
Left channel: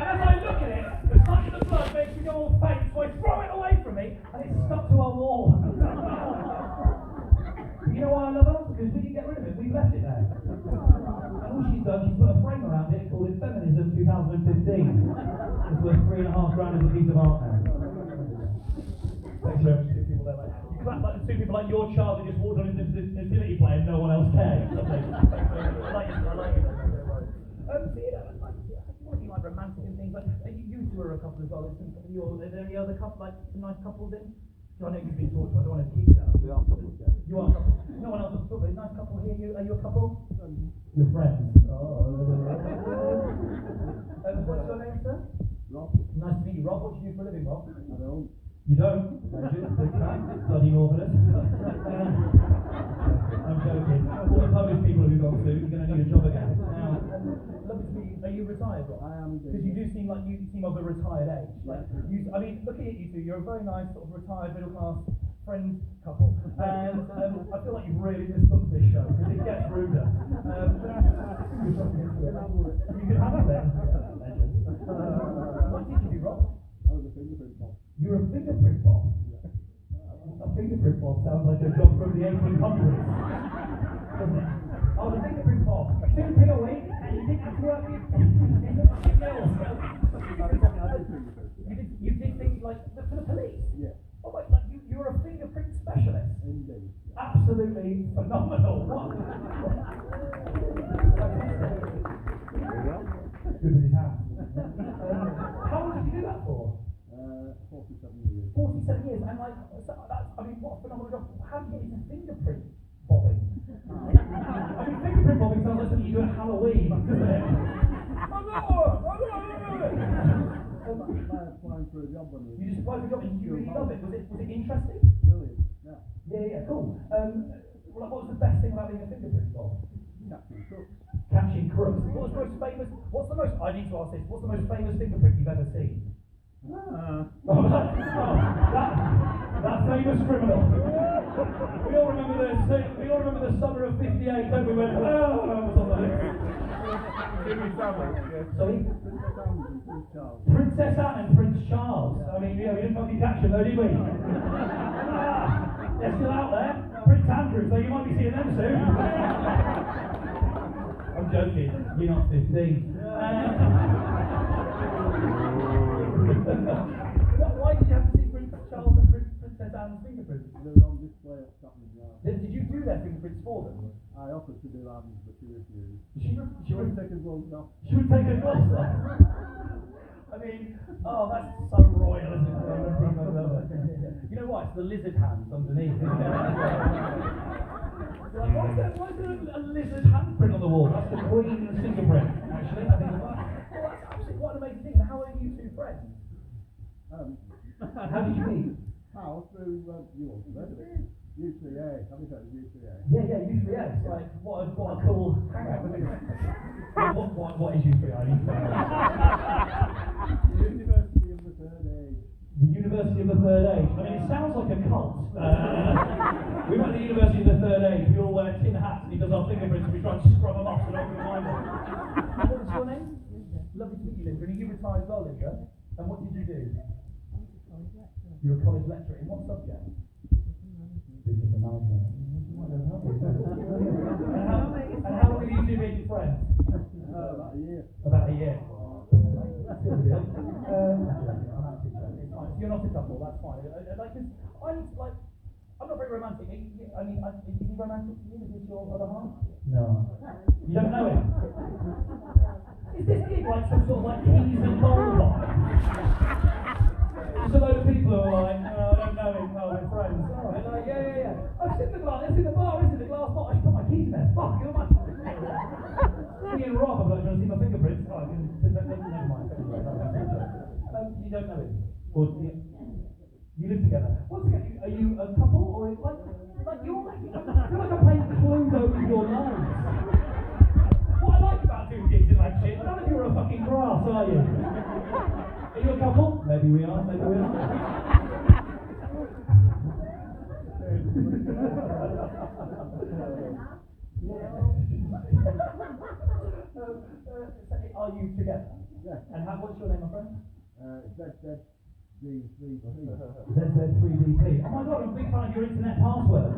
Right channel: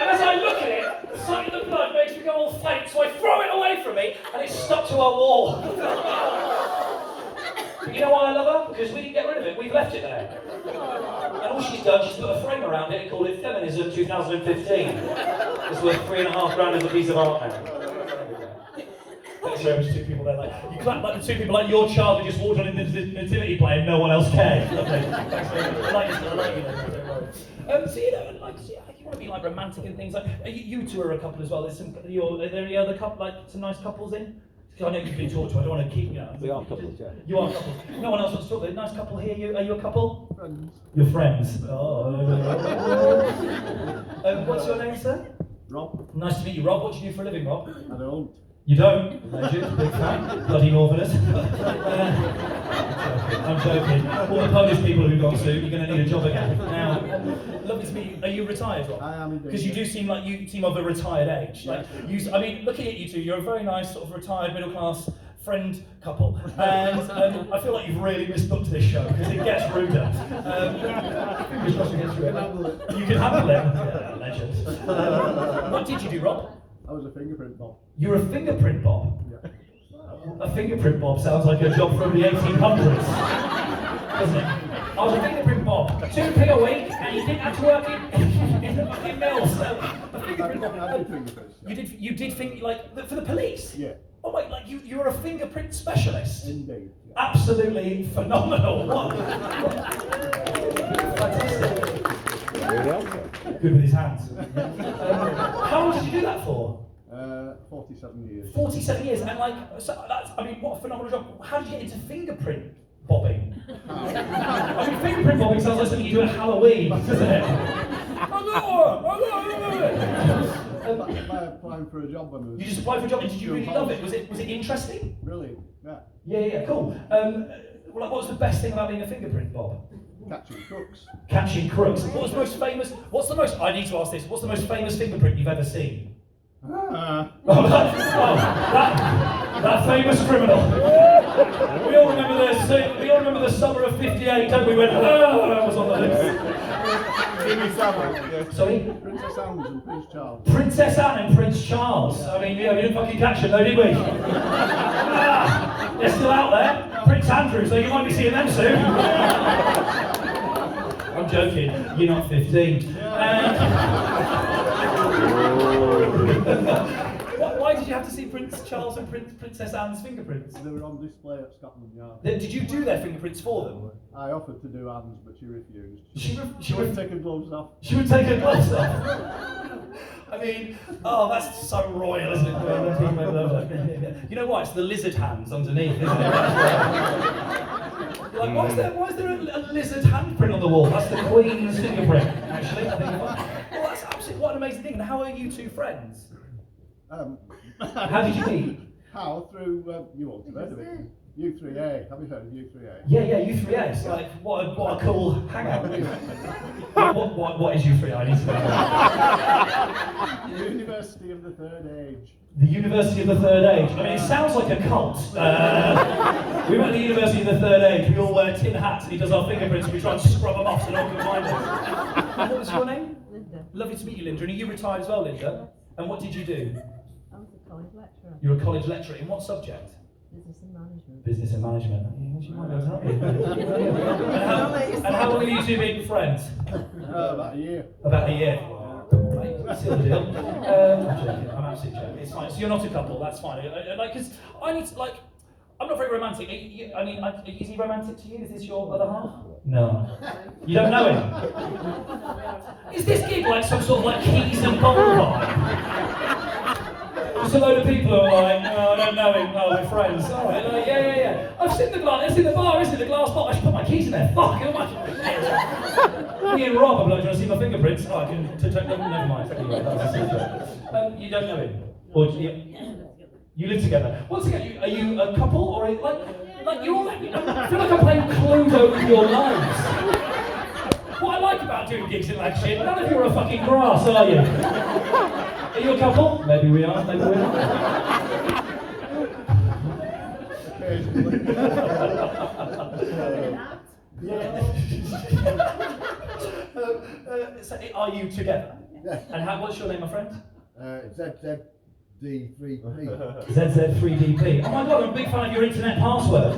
And as I look at it, the sight of the blood makes me go all faint, so I throw it away from me, and it's stuck to a wall. You know why I love her? Because we didn't get rid of it, we've left it there. And all she's done, she's put a frame around it and called it Feminism 2015. It's worth £3,500 as a piece of art now. Thanks very much, 2 people there. Like, you clap like the 2 people like your child who just walked on in the nativity play and no one else cared. Lovely. Thanks very much. I like you, so you know, like, you want to be like romantic and things like. You two are a couple as well. There's some. Are there any other couple, like some nice couples in? I know you've been talked to. I don't want to keep you. We are couples, yeah. You are couples. No one else wants to talk. There's a nice couple here. Are you a couple? Friends. You're friends. Oh. What's your name, sir? Rob. Nice to meet you, Rob. What do you do for a living, Rob? I don't. You don't? Legend, big fan. Bloody Northerners. I'm joking. All the Polish people who've gone soon, you're going to need a job again. Now, lovely to meet you. Are you retired, Rob? I am indeed. Because you do seem like you seem of a retired age. Like you, I mean, looking at you two, you're a very nice sort of retired middle class friend couple, and I feel like you've really misbooked this show because it gets ruder. You can handle it. Yeah, legend. What did you do, Rob? I was a fingerprint bob. You're a fingerprint bob? Yeah. A fingerprint bob sounds like a job from the 1800s, doesn't it? I was a fingerprint bob. 2p a week, and you didn't have to work in the fucking mills. A fingerprint bob. I did fingerprints. You did like for the police? Yeah. Oh wait, like you're a fingerprint specialist? Indeed. Absolutely phenomenal. What? Fantastic. Good with his hands. How long did you do that for? 47 years. 47 years, and like, so that's, I mean, what a phenomenal job. How did you get into fingerprint bobbing? I mean, fingerprint bobbing sounds like something you do at Halloween, doesn't it? By applying for a job when I was You just applied for a job, and did you really love it? Was it interesting? Brilliant, yeah. Yeah, cool. Well, like, what was the best thing about being a fingerprint bob? Catching crooks. Catching crooks. What was the most famous? I need to ask this. What's the most famous fingerprint you've ever seen? That famous criminal. We all remember the summer of '58, don't we? When that was on the list. Jimmy Savile. Sorry. Princess Anne and Prince Charles. Princess Anne and Prince Charles. I mean, yeah, we didn't fucking catch them though, did we? They're still out there. Prince Andrew, so you might be seeing them soon. I'm joking. You're not 15. Why did you have to see Prince Charles and Princess Anne's fingerprints? They were on display at Scotland Yard. Did you do their fingerprints for them? I offered to do Anne's, but she refused. She would would take her gloves off. She would take her gloves off. I mean, oh, that's so royal, isn't it? You know what? It's the lizard hands underneath, isn't it? Like, why is there a lizard handprint on the wall? That's the Queen's fingerprint, actually. I think. Well, that's absolutely what an amazing thing. And how are you two friends? How did you meet? How? Through, you all heard of it. U3A. Have you heard of U3A? Yeah, U3A. It's like, what a cool hangout. What is U3A? I need to know. The University of the Third Age. The University of the Third Age. I mean, it sounds like a cult. We went to the University of the Third Age. We all wear tin hats, and he does our fingerprints, and we try and scrub them off so no one can find us. What was your name? Linda. Lovely to meet you, Linda. And are you retired as well, Linda? And what did you do? I was a college lecturer. You're a college lecturer. In what subject? Business and management. Business and management. She might be able to help you. And how long have you two been friends? About a year. About a year. Right, seal the deal. I'm joking. I'm absolutely joking. It's fine. So you're not a couple. That's fine. Like, because I need to, like, I'm not very romantic. I mean, is he romantic to you? Is this your other half? No. You don't know him? Is this gig like some sort of like Keys and Bowl vibe? Just a load of people who are like, oh, I don't know him. Oh, we're friends. All right, like, yeah. I've seen the glass. It's in the bar, isn't it? The glass bottle. I should put my keys in there. Fuck. Who am I? Me and Rob, I'm like, do you want to see my fingerprints? Oh, I can. Never mind. Anyway, that's a secret. You don't know him, or do you live together? Once again, are you a couple, or like you're all? I feel like I'm playing Cluedo with your lives. What I like about doing gigs in that shit, none of you are a fucking grass, are you? Are you a couple? Maybe we are. Maybe we're not. So are you together? Yes. And what's your name, my friend? ZZD3P. ZZ3DP. Oh my god, I'm a big fan of your internet password.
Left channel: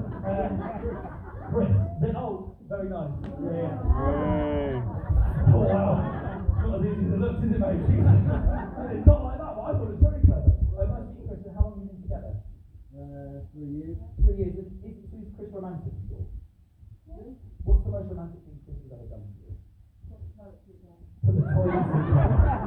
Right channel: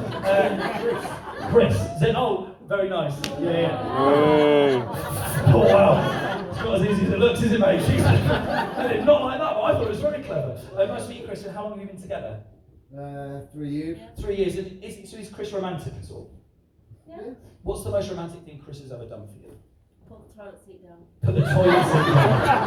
Chris. Oh, very nice. Yeah. Oh wow. It's not as easy as it looks, is it, mate? Jesus. Not like that, but I thought it was very clever. Nice to meet you, Chris. And how long have you been together? 3 years. 3 years. So is Chris romantic at all? Yeah. What's the most romantic thing Chris has ever done for you? Put the toilet seat down. Put the toilet seat down.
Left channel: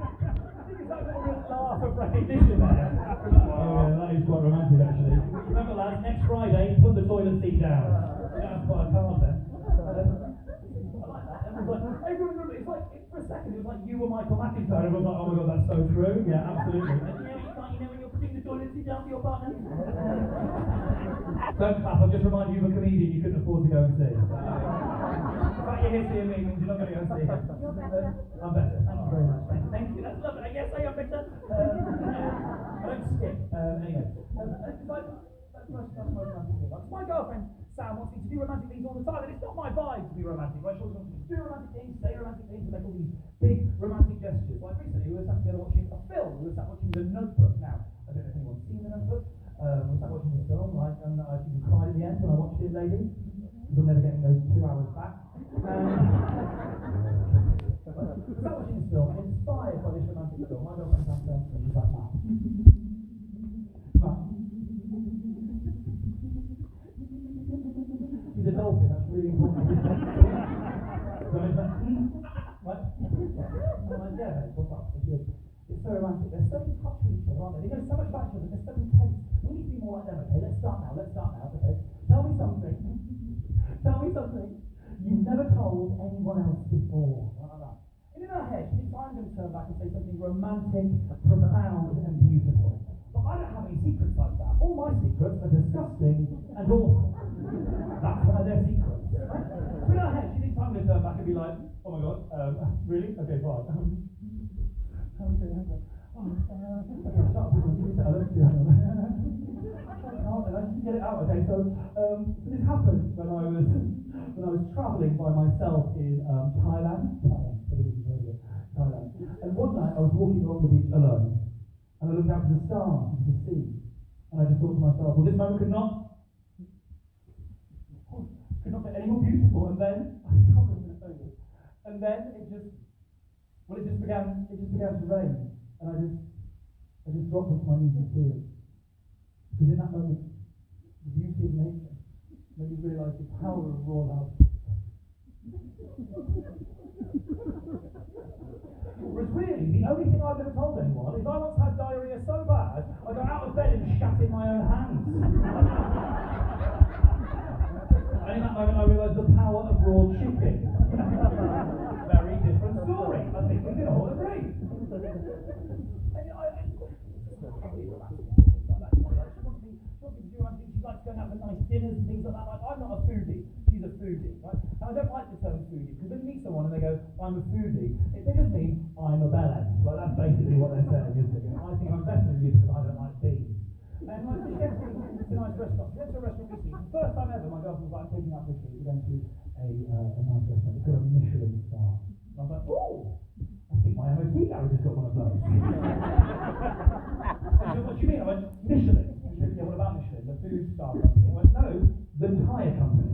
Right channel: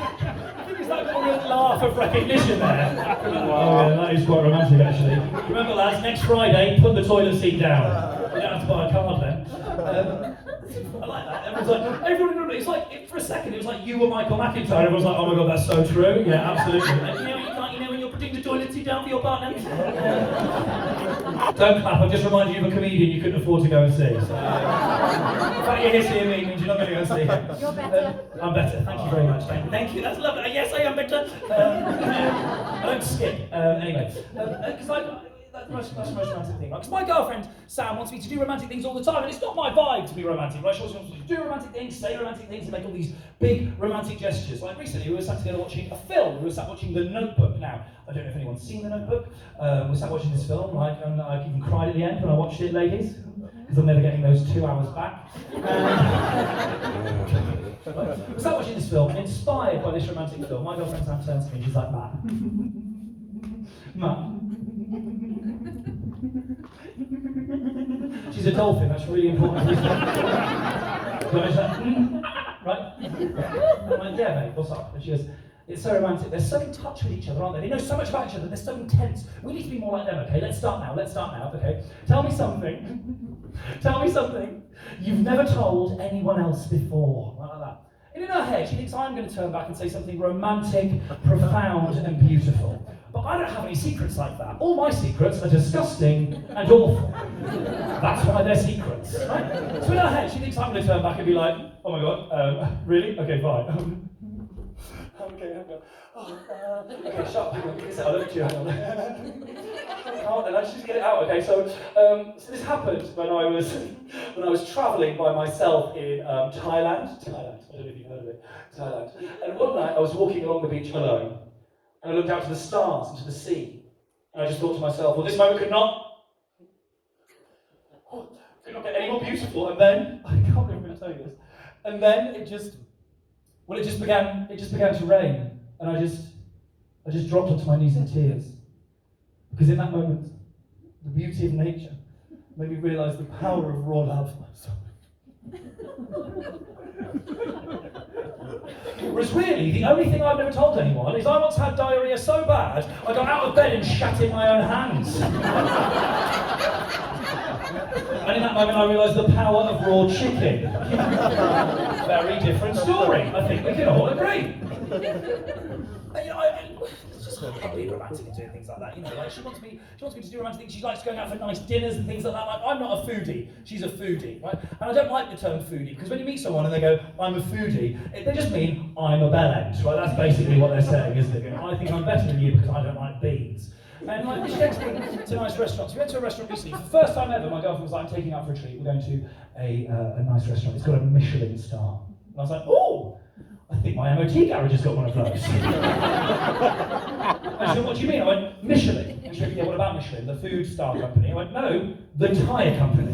I think it's like a real laugh of recognition there. Oh, yeah, that is quite romantic actually. Remember lads, next Friday, put the toilet seat down. You don't have to buy a card then. I like that. Everyone, it's like, for a second, it was like you were Michael McIntyre. Everyone's like, oh my god, that's so true. Yeah, absolutely. And you know when you're putting the toilet seat down for your partner? Don't clap, I've just reminded you of a comedian you couldn't afford to go and see. So, the fact you're here seeing me means you're not going to go and see him. You're better. I'm better, thank you very much. Thank you, that's lovely. Yes, I am better. I don't skip. Anyway, because that's the most romantic thing. Because my girlfriend, Sam, wants me to do romantic things all the time, and it's not my vibe to be romantic, right? She always wants me to do romantic things, say romantic things, and make all these big romantic gestures. Like recently, we were sat together watching a film. We were sat watching The Notebook. Now, I don't know if anyone's seen The Notebook. We sat watching this film, like, and I even cried at the end when I watched it, ladies, because I'm never getting those 2 hours back. Right? I was watching this film, and inspired by this romantic film, my girlfriend Sam turns to me and she's like, Matt. Matt. She's a dolphin, that's really important. Right? I'm like, yeah, mate, what's up? And she goes, it's so romantic. They're so in touch with each other, aren't they? They know so much about each other. They're so intense. We need to be more like them, okay? Let's start now. Okay? Tell me something. Tell me something you've never told anyone else before. Like that. And in her head, she thinks I'm going to turn back and say something romantic, profound, and beautiful. But I don't have any secrets like that. All my secrets are disgusting and awful. That's why they're secrets, right? So in her head, she thinks I'm going to turn back and be like, oh my god, really? Okay, fine. Okay, hang on. Okay, shut up, hang on, give me a second, I'll look at you, hang on. Oh, then I just get it out, okay, so this happened when I was travelling by myself in Thailand, I don't know if you've heard of it, Thailand, and one night I was walking along the beach alone, and I looked out to the stars and to the sea, and I just thought to myself, well, this moment could not get any more beautiful, and then, I can't believe I'm going to tell you this, and then it just began to rain, and I just dropped onto my knees in tears. Because in that moment, the beauty of nature made me realise the power of raw love. Whereas really, the only thing I've never told anyone is I once had diarrhoea so bad, I got out of bed and shat in my own hands. And in that moment I realised the power of raw chicken. Very different story. I think we can all agree. It's just I'm being romantic and doing things like that. You know, like she wants me to do romantic things. She likes going out for nice dinners and things like that. Like, I'm not a foodie. She's a foodie, right? And I don't like the term foodie because when you meet someone and they go, "I'm a foodie," they just mean I'm a bellend, right? That's basically what they're saying, isn't it? You know, I think I'm better than you because I don't like beans. And like, she went to nice restaurants. We went to a restaurant recently. For the first time ever, my girlfriend was like, I'm taking out for a treat. We're going to a nice restaurant. It's got a Michelin star. And I was like, oh, I think my MOT garage has got one of those. And she said, what do you mean? I went, Michelin. And she went, yeah, what about Michelin? The food star company. I went, no, the tyre company.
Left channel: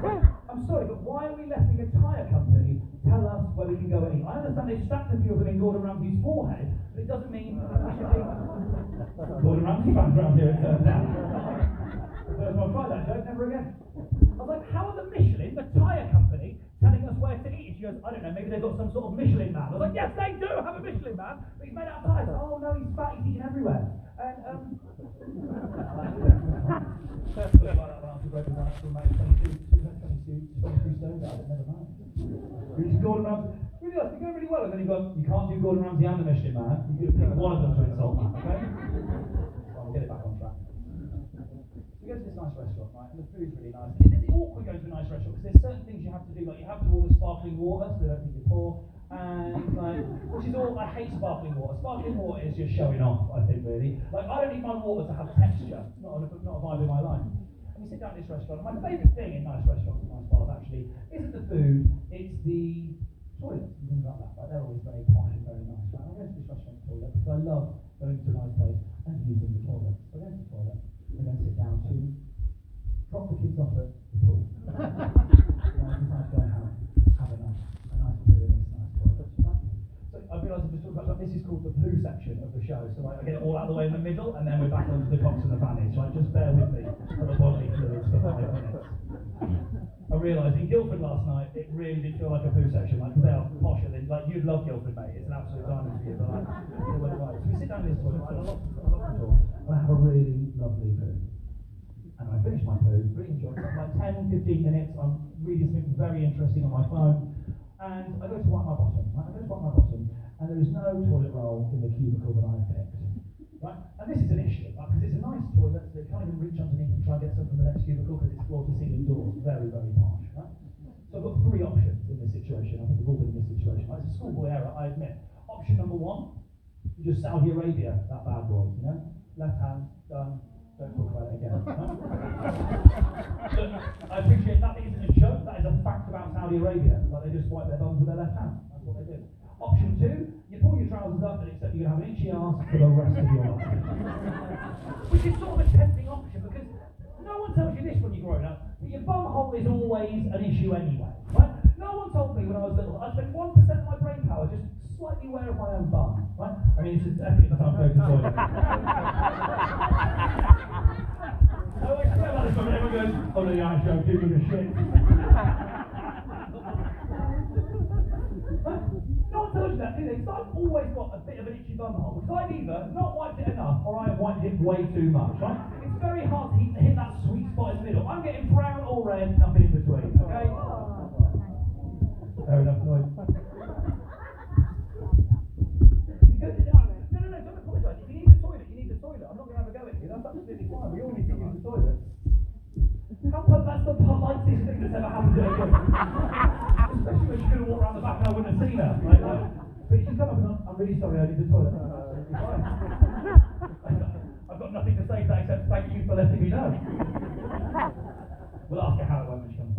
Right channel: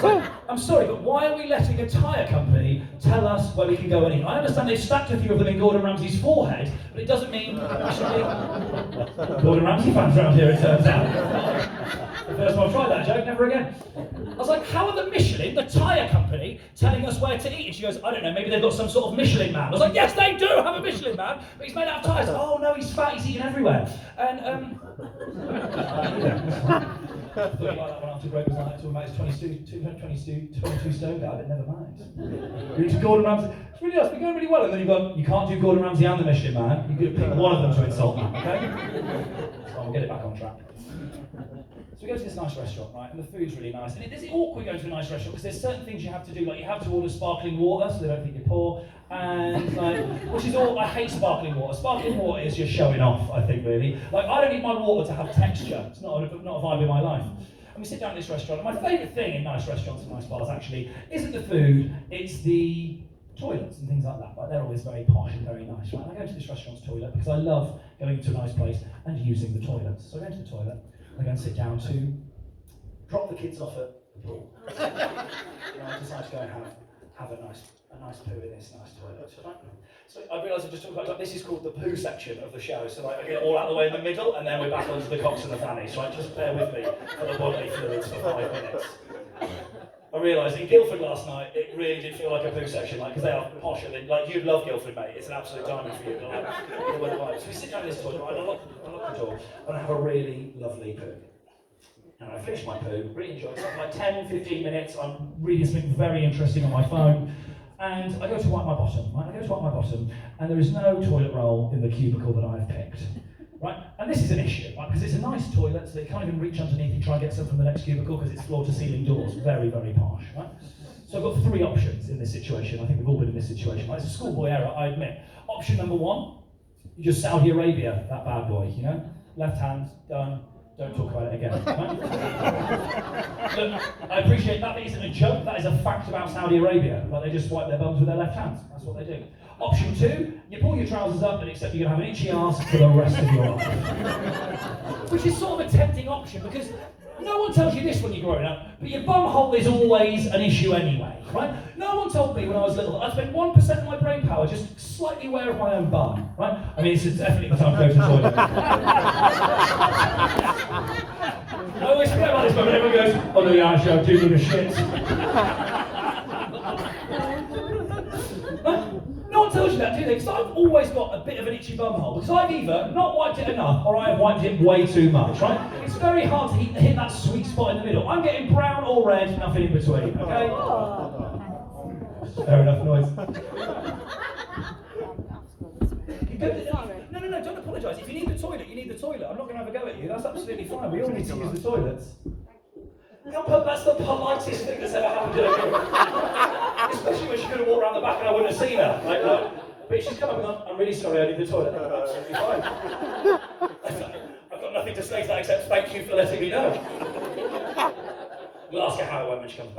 So, I'm sorry, but why are we letting a tyre company tell us where we can go and eat? I understand they've stacked a few of them in Gordon Ramsay's forehead, but it doesn't mean we should be Gordon Ramsay fans around here, it turns out. The first time I tried that joke, never again. I was like, how are the Michelin, the tyre company, telling us where to eat? And she goes, I don't know, maybe they've got some sort of Michelin man. I was like, yes, they do have a Michelin man, but he's made out of tyres. Oh no, he's fat, he's eating everywhere. And, I thought like that one after Greg was like, talking about his 22 stone guy, but never mind. You're into Gordon Ramsay. It's really nice, we're going really well. And then you've gone, you can't do Gordon Ramsay and the Michelin man. You've got to pick one of them to insult me, okay? So we'll get it back on track. So we go to this nice restaurant, right, and the food's really nice. And it's awkward going to a nice restaurant because there's certain things you have to do, like you have to order sparkling water so they don't think you're poor, and like, which is all, I hate sparkling water. Sparkling water is just showing off, I think, really. Like, I don't need my water to have texture. It's not a vibe in my life. And we sit down at this restaurant, and my favourite thing in nice restaurants and nice bars, actually, isn't the food, it's the toilets and things like that. Like, they're always very posh and very nice, right? And I go to this restaurant's toilet because I love going to a nice place and using the toilets. So I go to the toilet, I go and sit down to drop the kids off at the pool. And I decide to go and have a nice poo in this nice toilet. Right? So I realised I just talked about, like, this is called the poo section of the show. So like, I get it all out of the way in the middle, and then we're back onto the cocks and the fannies. Right? Just bear with me for the bodily fluids for 5 minutes. I realised in Guildford last night, it really did feel like a poo section, like, because they are posher than, like, you'd love Guildford, mate. It's an absolute diamond for you. Like, so we sit down in this toilet, and I lock the door, and I have a really lovely poo. And I finish my poo, really enjoy it. So like 10, 15 minutes, I'm reading something very interesting on my phone, and I go to wipe my bottom, right? And there is no toilet roll in the cubicle that I've picked, right? And this is an issue, right? Because it's a nice toilet, so you can't even reach underneath and try and get some from the next cubicle because it's floor-to-ceiling doors, very, very posh, right? So I've got 3 options in this situation. I think we've all been in this situation. Right? It's a schoolboy error, I admit. Option number 1, you just Saudi Arabia, that bad boy, you know? Left hand, done. Don't talk about it again. Right? Look, I appreciate that isn't a joke, that is a fact about Saudi Arabia. Like, they just wipe their bums with their left hands. That's what they do. Option 2, you pull your trousers up and accept you're going to have an itchy arse for the rest of your life. Which is sort of a tempting option because no one tells you this when you're growing up, but your bum hole is always an issue anyway, right? No one told me when I was little that I spent 1% of my brain power just slightly aware of my own bum, right? I mean, it's definitely the time to go to the toilet. I always forget about this moment. Everyone goes, oh no, yeah, actually, I'm doing the shit. No one tells you that, do they? Because I've always got a bit of an itchy bum hole. Because I've either not wiped it enough or I have wiped it way too much, right? It's very hard to hit that sweet spot in the middle. I'm getting brown or red, nothing in between, okay? Fair enough noise. No, don't apologise. If you need the toilet, you need the toilet. I'm not going to have a go at you. That's absolutely fine. We all need to use the toilets. That's the politest thing that's ever happened to a girl. Especially when she could have walked around the back and I wouldn't have seen her. Like, but she's come up and gone, I'm really sorry, I need the toilet. Absolutely fine. I've got nothing to say to that except thank you for letting me know. We'll ask her how it went when she comes back.